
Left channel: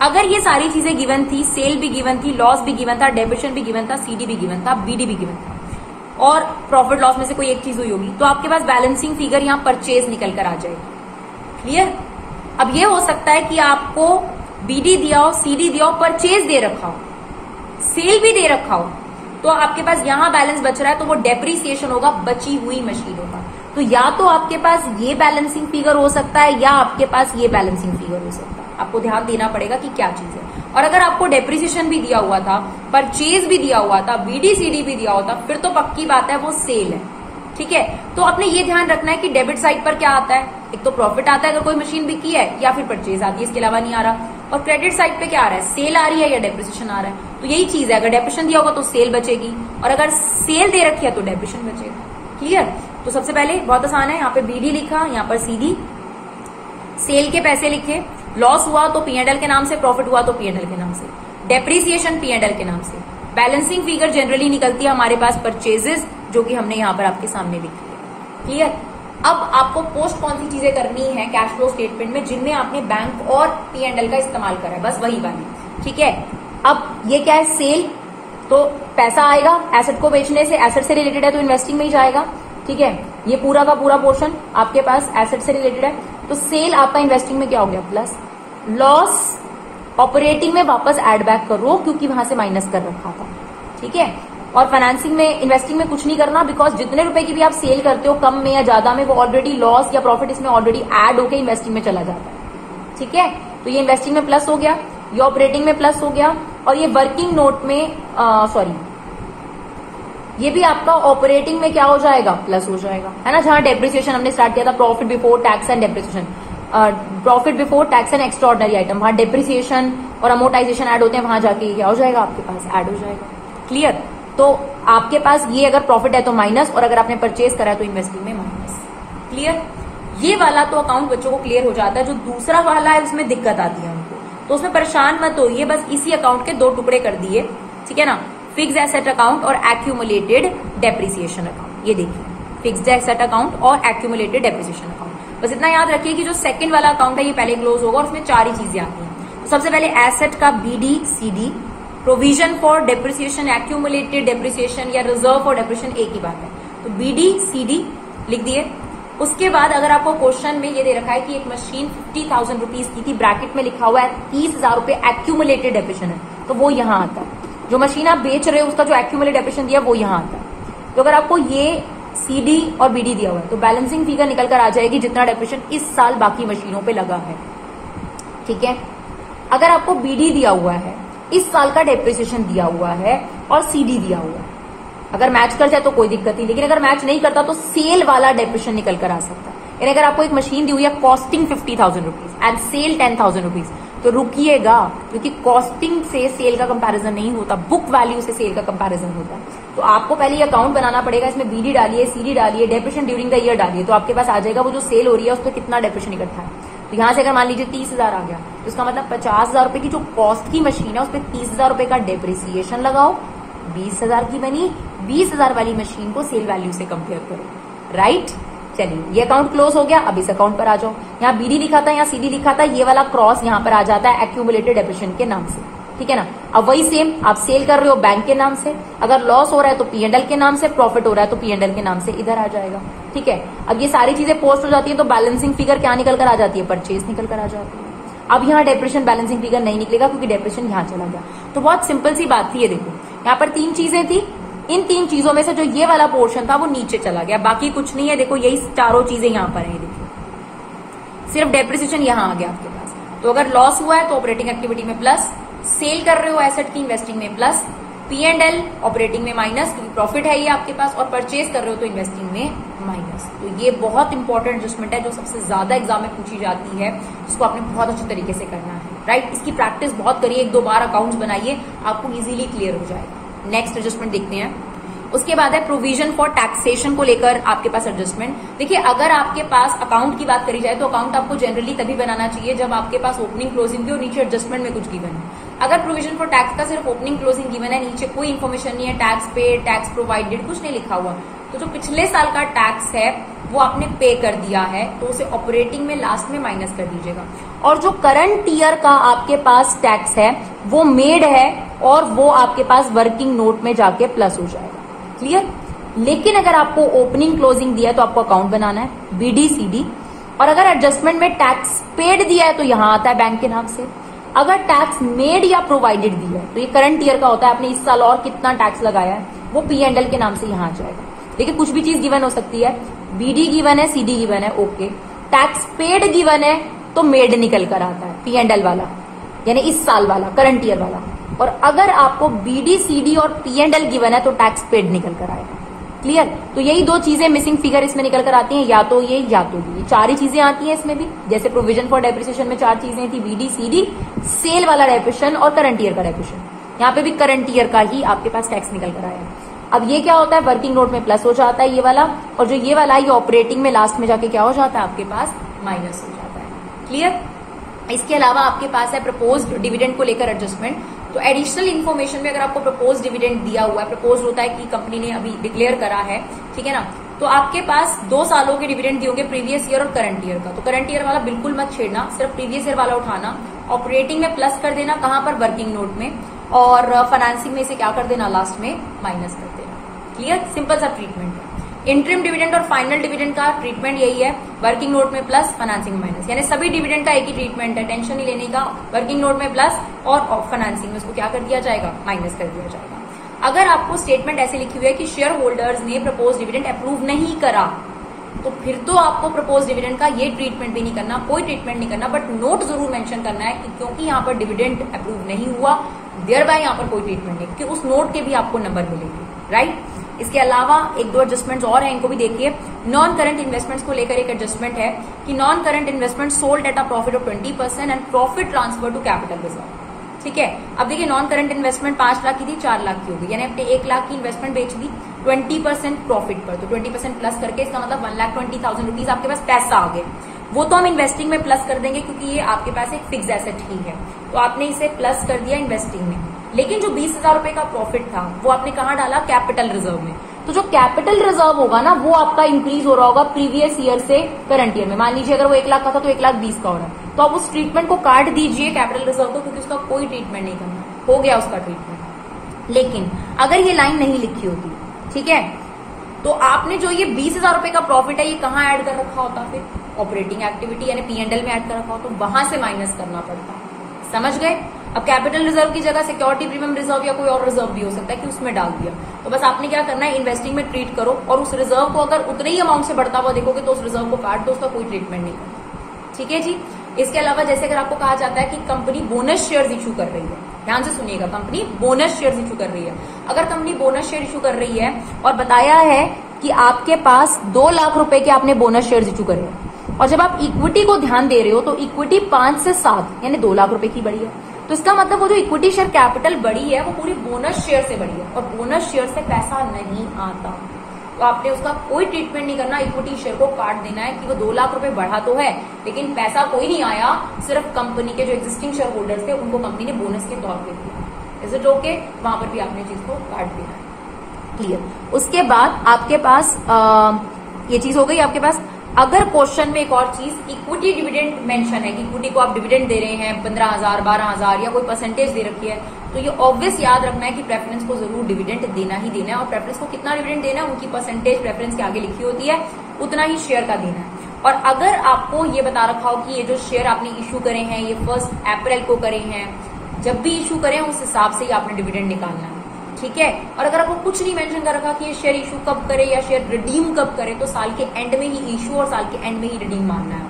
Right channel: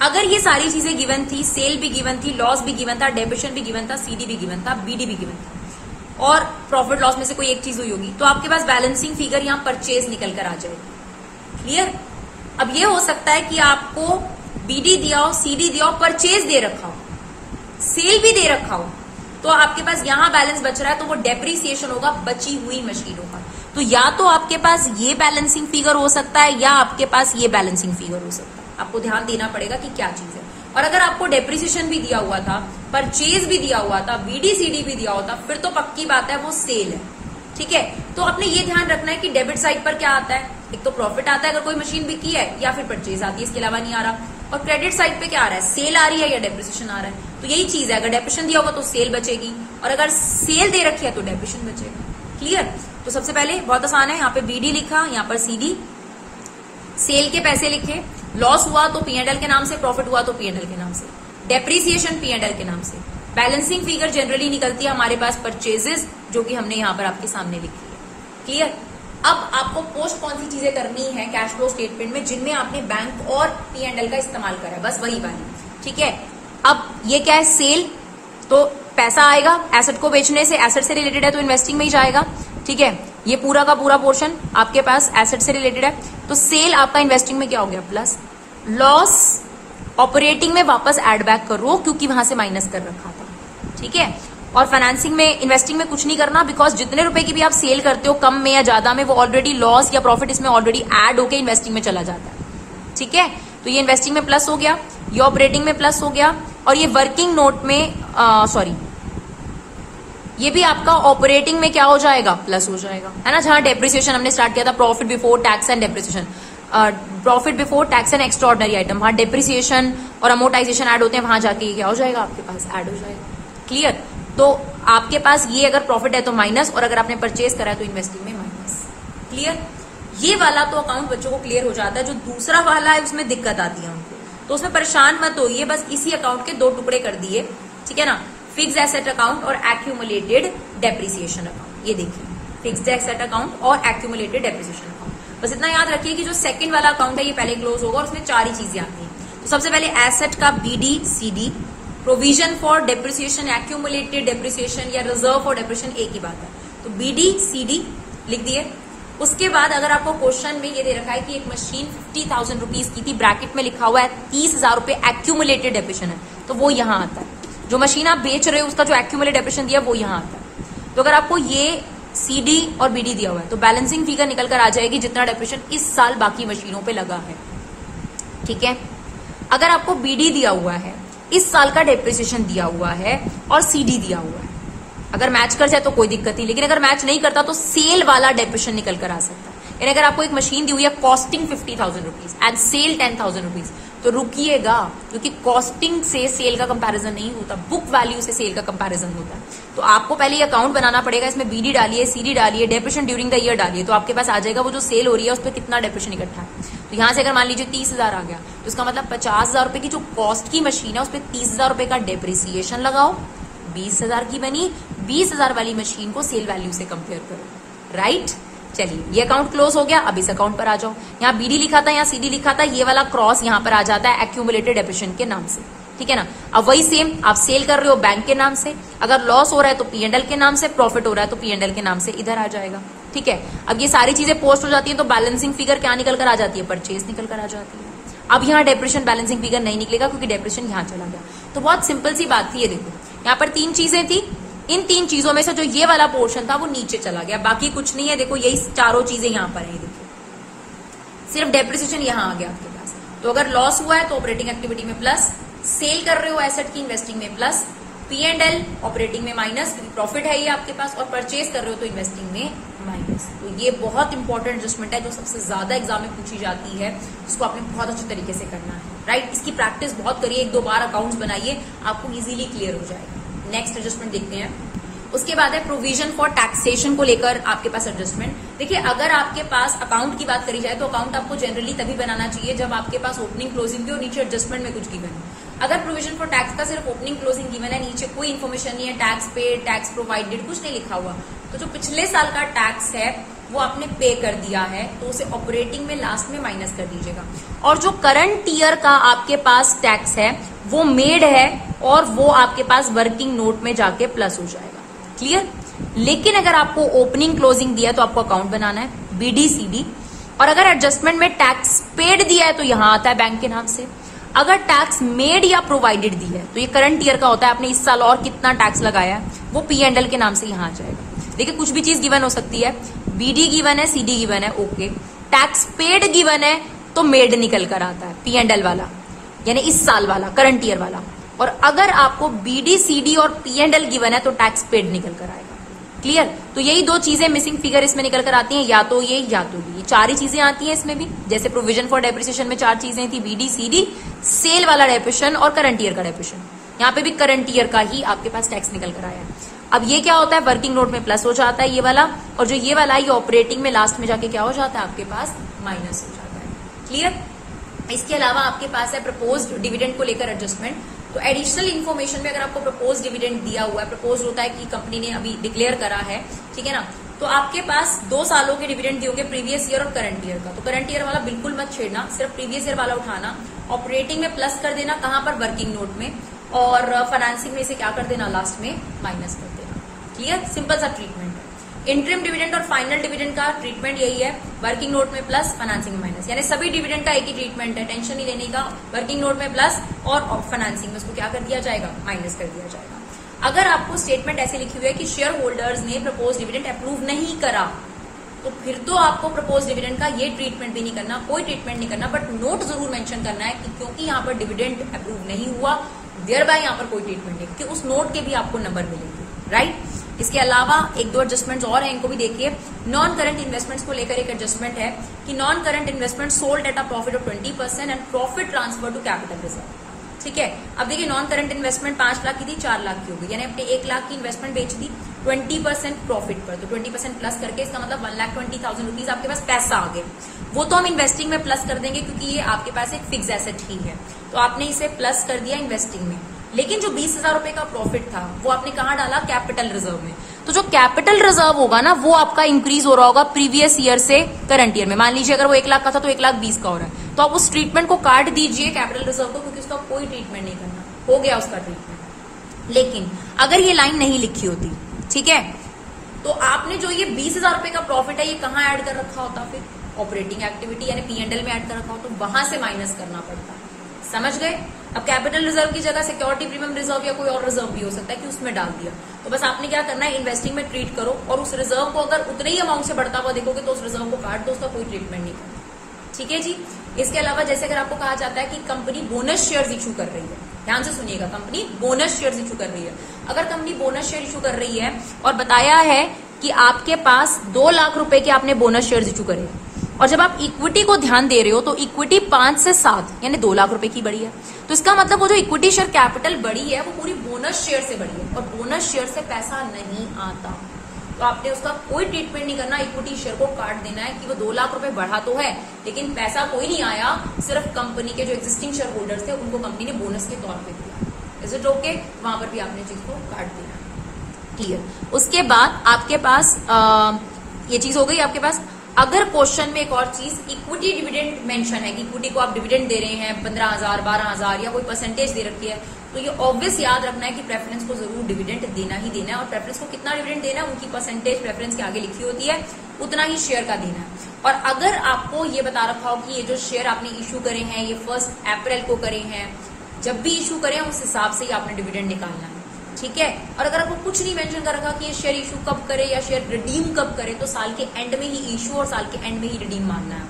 अगर ये सारी चीजें गिवन थी, सेल भी गिवन थी, लॉस भी गिवन था, डेप्रिसिएशन भी गिवन था, सीडी भी गिवन था, बीडी भी गिवन था और प्रॉफिट लॉस में से कोई एक चीज हुई होगी, तो आपके पास बैलेंसिंग फिगर यहाँ परचेज निकल कर आ जाएगी। क्लियर। अब ये हो सकता है कि आपको बीडी दिया हो, सीडी दिया हो, परचेज दे रखा हो, सेल भी दे रखा हो, तो आपके पास यहां बैलेंस बच रहा है तो वो डेप्रिसिएशन होगा बची हुई मशीनों का। तो या तो आपके पास ये बैलेंसिंग फिगर हो सकता है या आपके पास ये बैलेंसिंग फिगर हो सकता है। आपको ध्यान देना पड़ेगा कि क्या चीज है। और अगर आपको डेप्रिसिएशन भी दिया हुआ था, परचेज भी दिया हुआ था, बीडी सीडी भी दिया होता, फिर तो पक्की बात है वो सेल है, ठीक है। तो अपने ये ध्यान रखना है कि डेबिट साइड पर क्या आता है, एक तो प्रॉफिट आता है अगर कोई मशीन बिकी है, या फिर परचेज आती है, इसके अलावा नहीं आ रहा। और क्रेडिट साइड पे क्या आ रहा है, सेल आ रही है या डेप्रिसिएशन आ रहा है। तो यही चीज है, अगर डेप्रिसिएशन दिया होगा तो सेल बचेगी और अगर सेल दे रखी है तो डेप्रिसिएशन बचेगा। क्लियर। तो सबसे पहले बहुत आसान है, यहाँ पे बीडी लिखा, यहाँ पर सीडी, सेल के पैसे लिखे, लॉस हुआ तो पीएनएल के नाम से, प्रॉफिट हुआ तो पीएनएल के नाम से, डेप्रिसिएशन पीएनएल के नाम से। बैलेंसिंग फिगर जनरली निकलती है हमारे पास परचेजेस, जो कि हमने यहाँ पर आपके सामने लिखी है। क्लियर। अब आपको पोस्ट कौन सी चीजें करनी है कैश फ्लो स्टेटमेंट में जिनमें आपने बैंक और पीएनएल का इस्तेमाल करा है, बस वही वाली, ठीक है। अब ये क्या है, सेल, तो पैसा आएगा एसेट को बेचने से, एसेट से रिलेटेड है तो इन्वेस्टिंग में ही जाएगा, ठीक है। ये पूरा का पूरा पोर्शन आपके पास एसेट से रिलेटेड है, तो सेल आपका इन्वेस्टिंग में क्या हो गया प्लस, लॉस ऑपरेटिंग में वापस एड बैक करो क्योंकि वहां से माइनस कर रखा था, ठीक है। और फाइनेंसिंग में, इन्वेस्टिंग में कुछ नहीं करना, बिकॉज जितने रुपए की भी आप सेल करते हो कम में या ज्यादा में, वो ऑलरेडी लॉस या प्रॉफिट इसमें ऑलरेडी ऐड होके इन्वेस्टिंग में चला जाता है, ठीक है। तो ये इन्वेस्टिंग में प्लस हो गया, ये ऑपरेटिंग में प्लस हो गया, और ये वर्किंग नोट में ये भी आपका ऑपरेटिंग में क्या हो जाएगा, प्लस हो जाएगा, है ना। जहां डेप्रिसिएशन हमने स्टार्ट किया था, profit before tax and depreciation, profit before tax and extraordinary item, वहां डेप्रिसिएशन और अमोर्टाइजेशन ऐड होते हैं, वहां जाके क्या हो जाएगा आपके पास, ऐड हो जाएगा। क्लियर। तो आपके पास ये अगर प्रॉफिट है तो माइनस, और अगर आपने परचेज करा है तो इन्वेस्टिंग में माइनस। क्लियर। ये वाला तो अकाउंट बच्चों को क्लियर हो जाता है। जो दूसरा वाला है उसमें दिक्कत आती है उनको, तो उसमें परेशान मत होइए, बस इसी अकाउंट के दो टुकड़े कर दिए, ठीक है ना। फिक्स एसेट अकाउंट और एक्यूमुलेटेड डेप्रिसिएशन अकाउंट, ये देखिए, फिक्स एसेट अकाउंट और एक्यूमुलेटेड डेप्रिसिएशन अकाउंट। बस इतना याद रखिए कि जो सेकंड वाला अकाउंट है ये पहले क्लोज होगा और उसमें चार ही चीजें आती हैं। तो सबसे पहले एसेट का BD CD, provision for depreciation, accumulated depreciation या रिजर्व फॉर डेप्रिसिएशन, एक ही बात है। तो बीडी सीडी लिख दिए। उसके बाद अगर आपको क्वेश्चन में ये दे रखा है कि एक मशीन 50,000 रुपीज की थी, ब्रैकेट में लिखा हुआ है 30,000 रुपए एक्यूमुलेटेड डेप्रिसिएशन है, तो वो यहां आता है। जो मशीन आप बेच रहे हो उसका जो एक्यूमुलेटेड डेप्रिसिएशन दिया वो यहां आता है। तो अगर आपको ये सीडी और बीडी दिया हुआ है तो बैलेंसिंग फिगर निकल कर आ जाएगी जितना डेप्रिसिएशन इस साल बाकी मशीनों पे लगा है, ठीक है। अगर आपको बीडी दिया हुआ है, इस साल का डेप्रिसिएशन दिया हुआ है और सीडी दिया हुआ है, अगर मैच कर जाए तो कोई दिक्कत नहीं, लेकिन अगर मैच नहीं करता तो सेल वाला डेप्रिसिएशन निकल कर आ सकता है। यानी अगर आपको एक मशीन दी हुई है costing 50,000 rupees and sell 10,000 rupees, तो रुकिएगा, क्योंकि कॉस्टिंग से सेल का कंपैरिजन नहीं होता, बुक वैल्यू से सेल का कंपैरिजन होता है। तो आपको पहले ये अकाउंट बनाना पड़ेगा, इसमें बीडी डालिए, सीडी डालिए, डेप्रिसिएशन ड्यूरिंग द ईयर डालिए, तो आपके पास आ जाएगा वो जो सेल हो रही है उस पर कितना डेप्रिसिएशन इकट्ठा है। तो यहां से अगर मान लीजिए 30,000 आ गया, तो इसका मतलब 50,000 रुपए की जो कॉस्ट की मशीन है उस पर 30,000 रुपए का डेप्रिसिएशन लगाओ, 20,000 की बनी, 20,000 वाली मशीन को सेल वैल्यू से कंपेयर करो, राइट, चलिए ये अकाउंट क्लोज हो गया, अब इस अकाउंट पर आ जाओ। यहाँ बीडी लिखा था, यहाँ सीडी लिखा था, ये वाला क्रॉस यहाँ पर आ जाता है एक्यूमुलेटेड डेप्रिसिएशन के नाम से, ठीक है ना। अब वही सेम आप सेल कर रहे हो बैंक के नाम से, अगर लॉस हो रहा है तो P&L के नाम से, प्रॉफिट हो रहा है तो P&L के नाम से इधर आ जाएगा, ठीक है। अब ये सारी चीजें पोस्ट हो जाती है तो बैलेंसिंग फिगर क्या निकल कर आ जाती है, परचेज निकल कर आ जाती है। अब यहाँ डेप्रिसिएशन बैलेंसिंग फिगर नहीं निकलेगा क्योंकि डेप्रिसिएशन यहाँ चला गया। तो बहुत सिंपल सी बात थी, ये देखो यहाँ पर 3 चीजें थी, इन 3 चीजों में से जो ये वाला पोर्शन था वो नीचे चला गया, बाकी कुछ नहीं है। देखो यही चारों चीजें यहाँ पर है, देखिए सिर्फ डेप्रिसिएशन यहाँ आ गया आपके पास। तो अगर लॉस हुआ है तो ऑपरेटिंग एक्टिविटी में प्लस, सेल कर रहे हो एसेट की इन्वेस्टिंग में प्लस, P&L ऑपरेटिंग में माइनस क्योंकि प्रॉफिट है ये आपके पास, और परचेज कर रहे हो तो इन्वेस्टिंग में माइनस। तो ये बहुत इंपॉर्टेंट एडजस्टमेंट है जो सबसे ज्यादा एग्जाम में पूछी जाती है, जिसको आपने बहुत अच्छे तरीके से करना है, राइट। इसकी प्रैक्टिस बहुत करिए, 1-2 बार अकाउंट्स बनाइए, आपको इजीली क्लियर हो जाएगा। नेक्स्ट एडजस्टमेंट देखते हैं। उसके बाद है प्रोविजन फॉर टैक्सेशन को लेकर आपके पास एडजस्टमेंट। देखिए अगर आपके पास अकाउंट की बात करी जाए तो अकाउंट आपको जनरली तभी बनाना चाहिए जब आपके पास ओपनिंग क्लोजिंग की और नीचे एडजस्टमेंट में कुछ गिवन है। अगर प्रोविजन फॉर टैक्स का सिर्फ ओपनिंग क्लोजिंग गिवन है, नीचे कोई इन्फॉर्मेशन नहीं है, टैक्स पे, टैक्स प्रोवाइडेड कुछ नहीं लिखा हुआ, तो जो पिछले साल का टैक्स है वो आपने पे कर दिया है तो उसे ऑपरेटिंग में लास्ट में माइनस कर दीजिएगा। और जो करंट ईयर का आपके पास टैक्स है वो मेड है और वो आपके पास वर्किंग नोट में जाके प्लस हो जाएगा, क्लियर। लेकिन अगर आपको ओपनिंग क्लोजिंग दिया तो आपको अकाउंट बनाना है BD/CD, और अगर एडजस्टमेंट में टैक्स पेड दिया है तो यहां आता है बैंक के नाम से। अगर टैक्स मेड या प्रोवाइडेड दिया है तो ये करंट ईयर का होता है, आपने इस साल और कितना टैक्स लगाया है वो P&L के नाम से यहां आ जाएगा। देखिए कुछ भी चीज गिवन हो सकती है, BD गिवन है, CD गिवन है, ओके। टैक्स पेड गिवन है तो मेड निकल कर आता है P&L वाला, यानी इस साल वाला, करंट ईयर वाला। और अगर आपको BD/CD और P&L गिवन है तो टैक्स पेड निकल कर आएगा, क्लियर। तो यही 2 चीजें मिसिंग फिगर इसमें निकल कर आती हैं, या तो ये या तो ये 4 ही चीजें आती हैं इसमें भी। जैसे प्रोविजन फॉर डेप्रिसिएशन में 4 चीजें थी, BD/CD, सेल वाला डेप्रिसिएशन और करंट ईयर का डेप्रिसिएशन। यहाँ पे भी करंट ईयर का ही आपके पास टैक्स निकल कर आया है। अब ये क्या होता है, वर्किंग नोट में प्लस हो जाता है ये वाला, और जो ये वाला ये ऑपरेटिंग में लास्ट में जाके क्या हो जाता है आपके पास, माइनस हो जाता है, क्लियर। इसके अलावा आपके पास है प्रपोज्ड डिविडेंड को लेकर एडजस्टमेंट। तो एडिशनल इन्फॉर्मेशन में अगर आपको प्रपोज डिविडेंड दिया हुआ है, प्रपोज होता है कि कंपनी ने अभी डिक्लेयर करा है, ठीक है ना, तो आपके पास 2 सालों के डिविडेंड दिए होंगे, प्रीवियस ईयर और करंट ईयर का। तो करंट ईयर वाला बिल्कुल मत छेड़ना, सिर्फ प्रीवियस ईयर वाला उठाना, ऑपरेटिंग में प्लस कर देना, कहां पर, वर्किंग नोट में, और फाइनेंसिंग में इसे क्या कर देना, लास्ट में माइनस कर देना, क्लियर। सिंपल सा ट्रीटमेंट है। इंटरिम डिविडेंड और फाइनल डिविडेंड का ट्रीटमेंट यही है, वर्किंग नोट में प्लस, फाइनेंसिंग में माइनस, यानी सभी डिविडेंड का एक ही ट्रीटमेंट है, टेंशन नहीं लेने का। वर्किंग नोट में प्लस और फाइनेंसिंग में उसको क्या कर दिया जाएगा, माइनस कर दिया जाएगा। अगर आपको स्टेटमेंट ऐसे लिखी हुई है कि शेयर होल्डर्स ने प्रपोज डिविडेंड अप्रूव नहीं करा, तो फिर तो आपको प्रपोज डिविडेंड का ये ट्रीटमेंट भी नहीं करना, कोई ट्रीटमेंट नहीं करना, बट नोट जरूर मेंशन करना है कि क्योंकि यहाँ पर डिविडेंड अप्रूव नहीं हुआ, देयर बाय यहाँ पर कोई ट्रीटमेंट नहीं, क्योंकि उस नोट के भी आपको नंबर मिलेंगे, राइट। इसके अलावा 1-2 एडजस्टमेंट्स और हैं, इनको भी देखिए। नॉन करंट इन्वेस्टमेंट्स को लेकर एक एडजस्टमेंट है कि non current investment sold at a profit of 20% and profit transfer to capital reserve, ठीक है। अब देखिए नॉन करंट इन्वेस्टमेंट 5 लाख की थी, 4 लाख की हो गई, यानी आपने 1 लाख की इन्वेस्टमेंट बेच दी 20% प्रॉफिट पर, तो 20% प्लस करके इसका मतलब 1,20,000 रुपीज आपके पास पैसा आ गया। वो तो हम इन्वेस्टिंग में प्लस कर देंगे क्योंकि ये आपके पास एक फिक्स एसेट ही है, तो आपने इसे प्लस कर दिया इन्वेस्टिंग में। लेकिन जो 20,000 रुपए का प्रॉफिट था वो आपने कहाँ डाला, कैपिटल रिजर्व में। तो जो कैपिटल रिजर्व होगा ना वो आपका इंक्रीज हो रहा होगा प्रीवियस ईयर से करंट ईयर में। मान लीजिए अगर वो 1 लाख का था तो 1,20,000 का हो रहा है, तो आप उस ट्रीटमेंट को काट दीजिए कैपिटल रिजर्व को, क्योंकि उसका कोई ट्रीटमेंट नहीं करना, हो गया उसका ट्रीटमेंट। लेकिन अगर ये लाइन नहीं लिखी होती, ठीक है, तो आपने जो ये 20,000 रुपए का प्रॉफिट है ये कहाँ ऐड कर रखा होता, फिर ऑपरेटिंग एक्टिविटी यानी P&L में ऐड कर रखा हो, तो वहां से माइनस करना पड़ता है, समझ गए। अब कैपिटल रिजर्व की जगह सिक्योरिटी प्रीमियम रिजर्व या कोई और रिजर्व भी हो सकता है कि उसमें डाल दिया, तो बस आपने क्या करना है, इन्वेस्टिंग में ट्रीट करो, और उस रिजर्व को अगर उतने ही अमाउंट से बढ़ता हुआ देखोगे तो उस रिजर्व को काट दो, उसका कोई ट्रीटमेंट नहीं करना, ठीक है जी। इसके अलावा जैसे अगर आपको कहा जाता है कि कंपनी बोनस शेयर इशू कर रही है, ध्यान से सुनिएगा, कंपनी बोनस शेयर इशू कर रही है। अगर कंपनी बोनस शेयर इशू कर रही है और बताया है कि आपके पास 2 लाख रुपए के आपने बोनस शेयर इशू करे, और जब आप इक्विटी को ध्यान दे रहे हो तो इक्विटी 5 से 7 यानी 2 लाख रुपए की बढ़ी है, तो इसका मतलब वो जो इक्विटी शेयर कैपिटल बढ़ी है वो पूरी बोनस शेयर से बढ़ी है, और बोनस शेयर से पैसा नहीं आता, तो आपने उसका कोई ट्रीटमेंट नहीं करना, इक्विटी शेयर को काट देना है कि वो 2 लाख रुपए बढ़ा तो है लेकिन पैसा कोई नहीं आया, सिर्फ कंपनी के जो एग्जिस्टिंग शेयर होल्डर्स थे उनको कंपनी ने बोनस के तौर पर दिया, इज इट ओके। वहां पर भी आपने चीज को काट देना है, क्लियर। उसके बाद आपके पास ये चीज हो गई आपके पास। अगर क्वेश्चन में एक और चीज इक्विटी डिविडेंड मेंशन है कि इक्विटी को आप डिविडेंड दे रहे हैं 15,000 12,000 या कोई परसेंटेज दे रखी है, तो ये ऑब्वियस याद रखना है कि प्रेफरेंस को जरूर डिविडेंड देना ही देना है। और प्रेफरेंस को कितना डिविडेंड देना है, उनकी परसेंटेज प्रेफरेंस के आगे लिखी होती है, उतना ही शेयर का देना है। और अगर आपको ये बता रखा हो कि ये जो शेयर आपने इशू करे हैं ये 1 अप्रैल को करे हैं, जब भी इशू करें उस हिसाब से ही आपने डिविडेंड निकालना है, ठीक है। और अगर आपको कुछ नहीं मेंशन कर रखा कि ये शेयर इशू कब करे या शेयर रिडीम कब करे, तो साल के एंड में ही इशू और साल के एंड में ही रिडीम मानना है,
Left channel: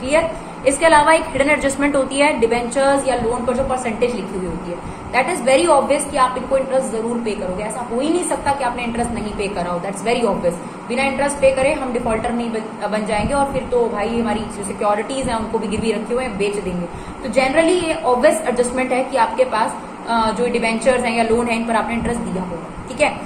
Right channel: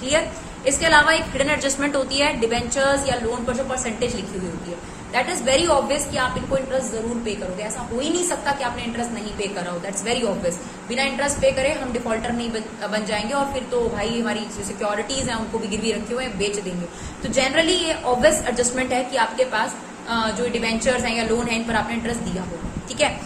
क्लियर। इसके अलावा एक हिडन एडजस्टमेंट होती है डिबेंचर्स या लोन पर जो परसेंटेज लिखी हुई होती है, दैट इज वेरी ऑब्वियस कि आप इनको इंटरेस्ट जरूर पे करोगे। ऐसा हो ही नहीं सकता कि आपने इंटरेस्ट नहीं पे करा हो, दैट्स वेरी ऑब्वियस। बिना इंटरेस्ट पे करे हम डिफॉल्टर नहीं बन जाएंगे और फिर तो भाई हमारी सिक्योरिटीज हैं उनको भी गिरवी रखे हुए हैं बेच देंगे। तो जनरली ये ऑब्वियस एडजस्टमेंट है कि आपके पास जो डिबेंचर्स हैं या लोन है इन पर आपने इंटरेस्ट दिया होगा, ठीक है।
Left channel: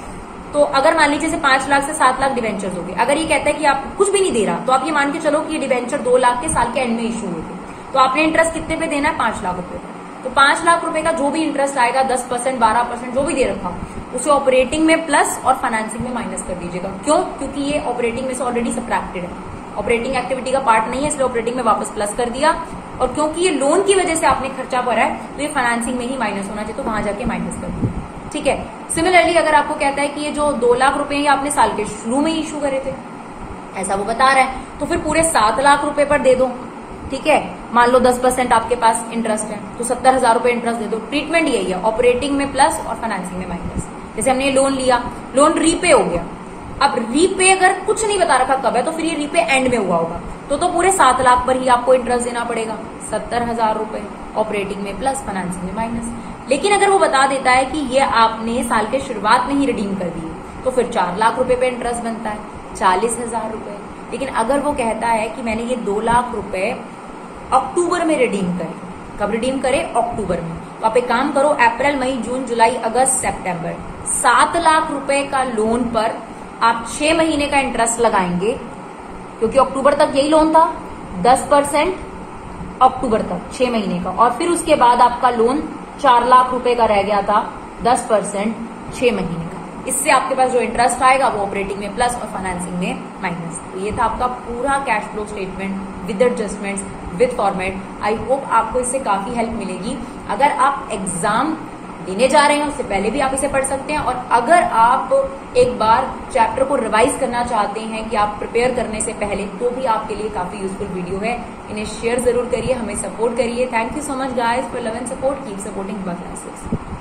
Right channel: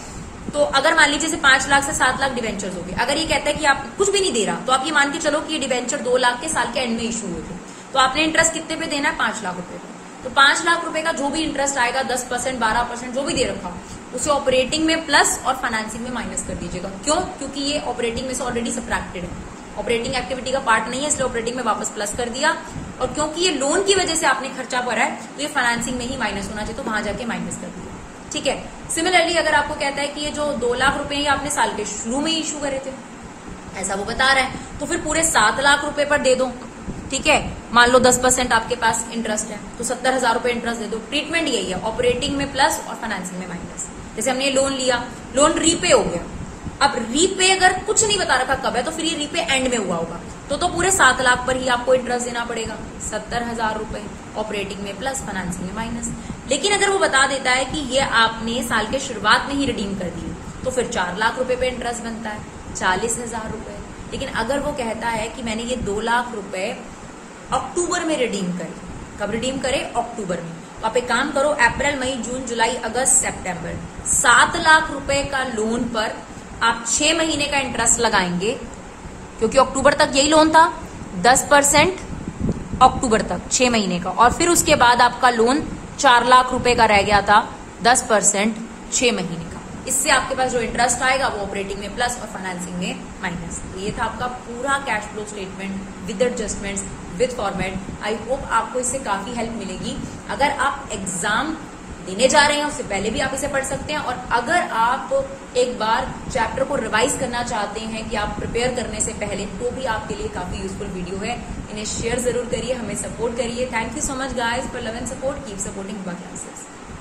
तो अगर मान लीजिए 5 लाख से 7 लाख डिबेंचर्स हो गए, अगर ये कहता है कि आप कुछ भी नहीं दे रहा, तो आप ये मान के चलो कि ये डिबेंचर 2 लाख के साल के एंड में इशू हुए थे, तो आपने इंटरेस्ट कितने पे देना है, 5 लाख रुपए। तो 5 लाख रुपए का जो भी इंटरेस्ट आएगा 10% 12% जो भी दे रखा उसे ऑपरेटिंग में प्लस और फाइनेंसिंग में माइनस कर दीजिएगा। क्यों? क्योंकि ये ऑपरेटिंग में से ऑलरेडी सब्ट्रैक्टेड है, ऑपरेटिंग एक्टिविटी का पार्ट नहीं है, इसलिए ऑपरेटिंग में वापस प्लस कर दिया। और क्योंकि ये लोन की वजह से आपने खर्चा भरा है तो ये फाइनेंसिंग में ही माइनस होना चाहिए, तो वहां जाके माइनस कर दिया, ठीक है। सिमिलरली अगर आपको कहता है कि ये जो 2 लाख रुपए ये आपने साल के शुरू में ही इशू करे थे, ऐसा वो बता रहा है, तो फिर पूरे 7 लाख रुपए पर दे दो, ठीक है। मान लो 10% आपके पास इंटरेस्ट है तो 70,000 रुपए इंटरेस्ट दे दो। ट्रीटमेंट यही है, ऑपरेटिंग में प्लस और फाइनेंसिंग में माइनस। जैसे हमने लोन लिया, लोन रीपे हो गया, अब रीपे अगर कुछ नहीं बता रखा कब है, तो फिर ये रीपे एंड में हुआ होगा, तो पूरे 7 लाख पर ही आपको इंटरेस्ट देना पड़ेगा, 70,000 रुपए ऑपरेटिंग में प्लस फाइनेंसिंग में माइनस। लेकिन अगर वो बता देता है कि ये आपने साल के शुरुआत में ही रिडीम कर दी, तो फिर 4 लाख रुपए पे इंटरेस्ट बनता है, 40,000 रुपए। लेकिन अगर वो कहता है कि मैंने ये 2 लाख रुपए अक्टूबर में रिडीम करे, कब रिडीम करे, अक्टूबर में, तो आप एक काम करो, अप्रैल मई जून जुलाई अगस्त सितंबर 7 लाख रुपए का लोन पर आप 6 महीने का इंटरेस्ट लगाएंगे, क्योंकि अक्टूबर तक यही लोन था, 10% अक्टूबर तक 6 महीने का, और फिर उसके बाद आपका लोन 4 लाख रुपए का रह गया था, 10% 6 महीने का। इससे आपके पास जो इंटरेस्ट आएगा वो ऑपरेटिंग में प्लस और फाइनेंसिंग में माइनस। तो ये था आपका पूरा cash flow statement with adjustments with format. I hope आपको इससे काफी हेल्प मिलेगी। अगर आप एग्जाम देने जा रहे हैं उससे पहले भी आप इसे पढ़ सकते हैं, और अगर आप एक बार चैप्टर को रिवाइज करना चाहते हैं कि आप प्रिपेयर करने से पहले, तो भी आपके लिए काफी यूजफुल वीडियो है। इन्हें शेयर जरूर करिए, हमें सपोर्ट करिए। Thank you so much guys for love and support. Keep supporting Hiba classes.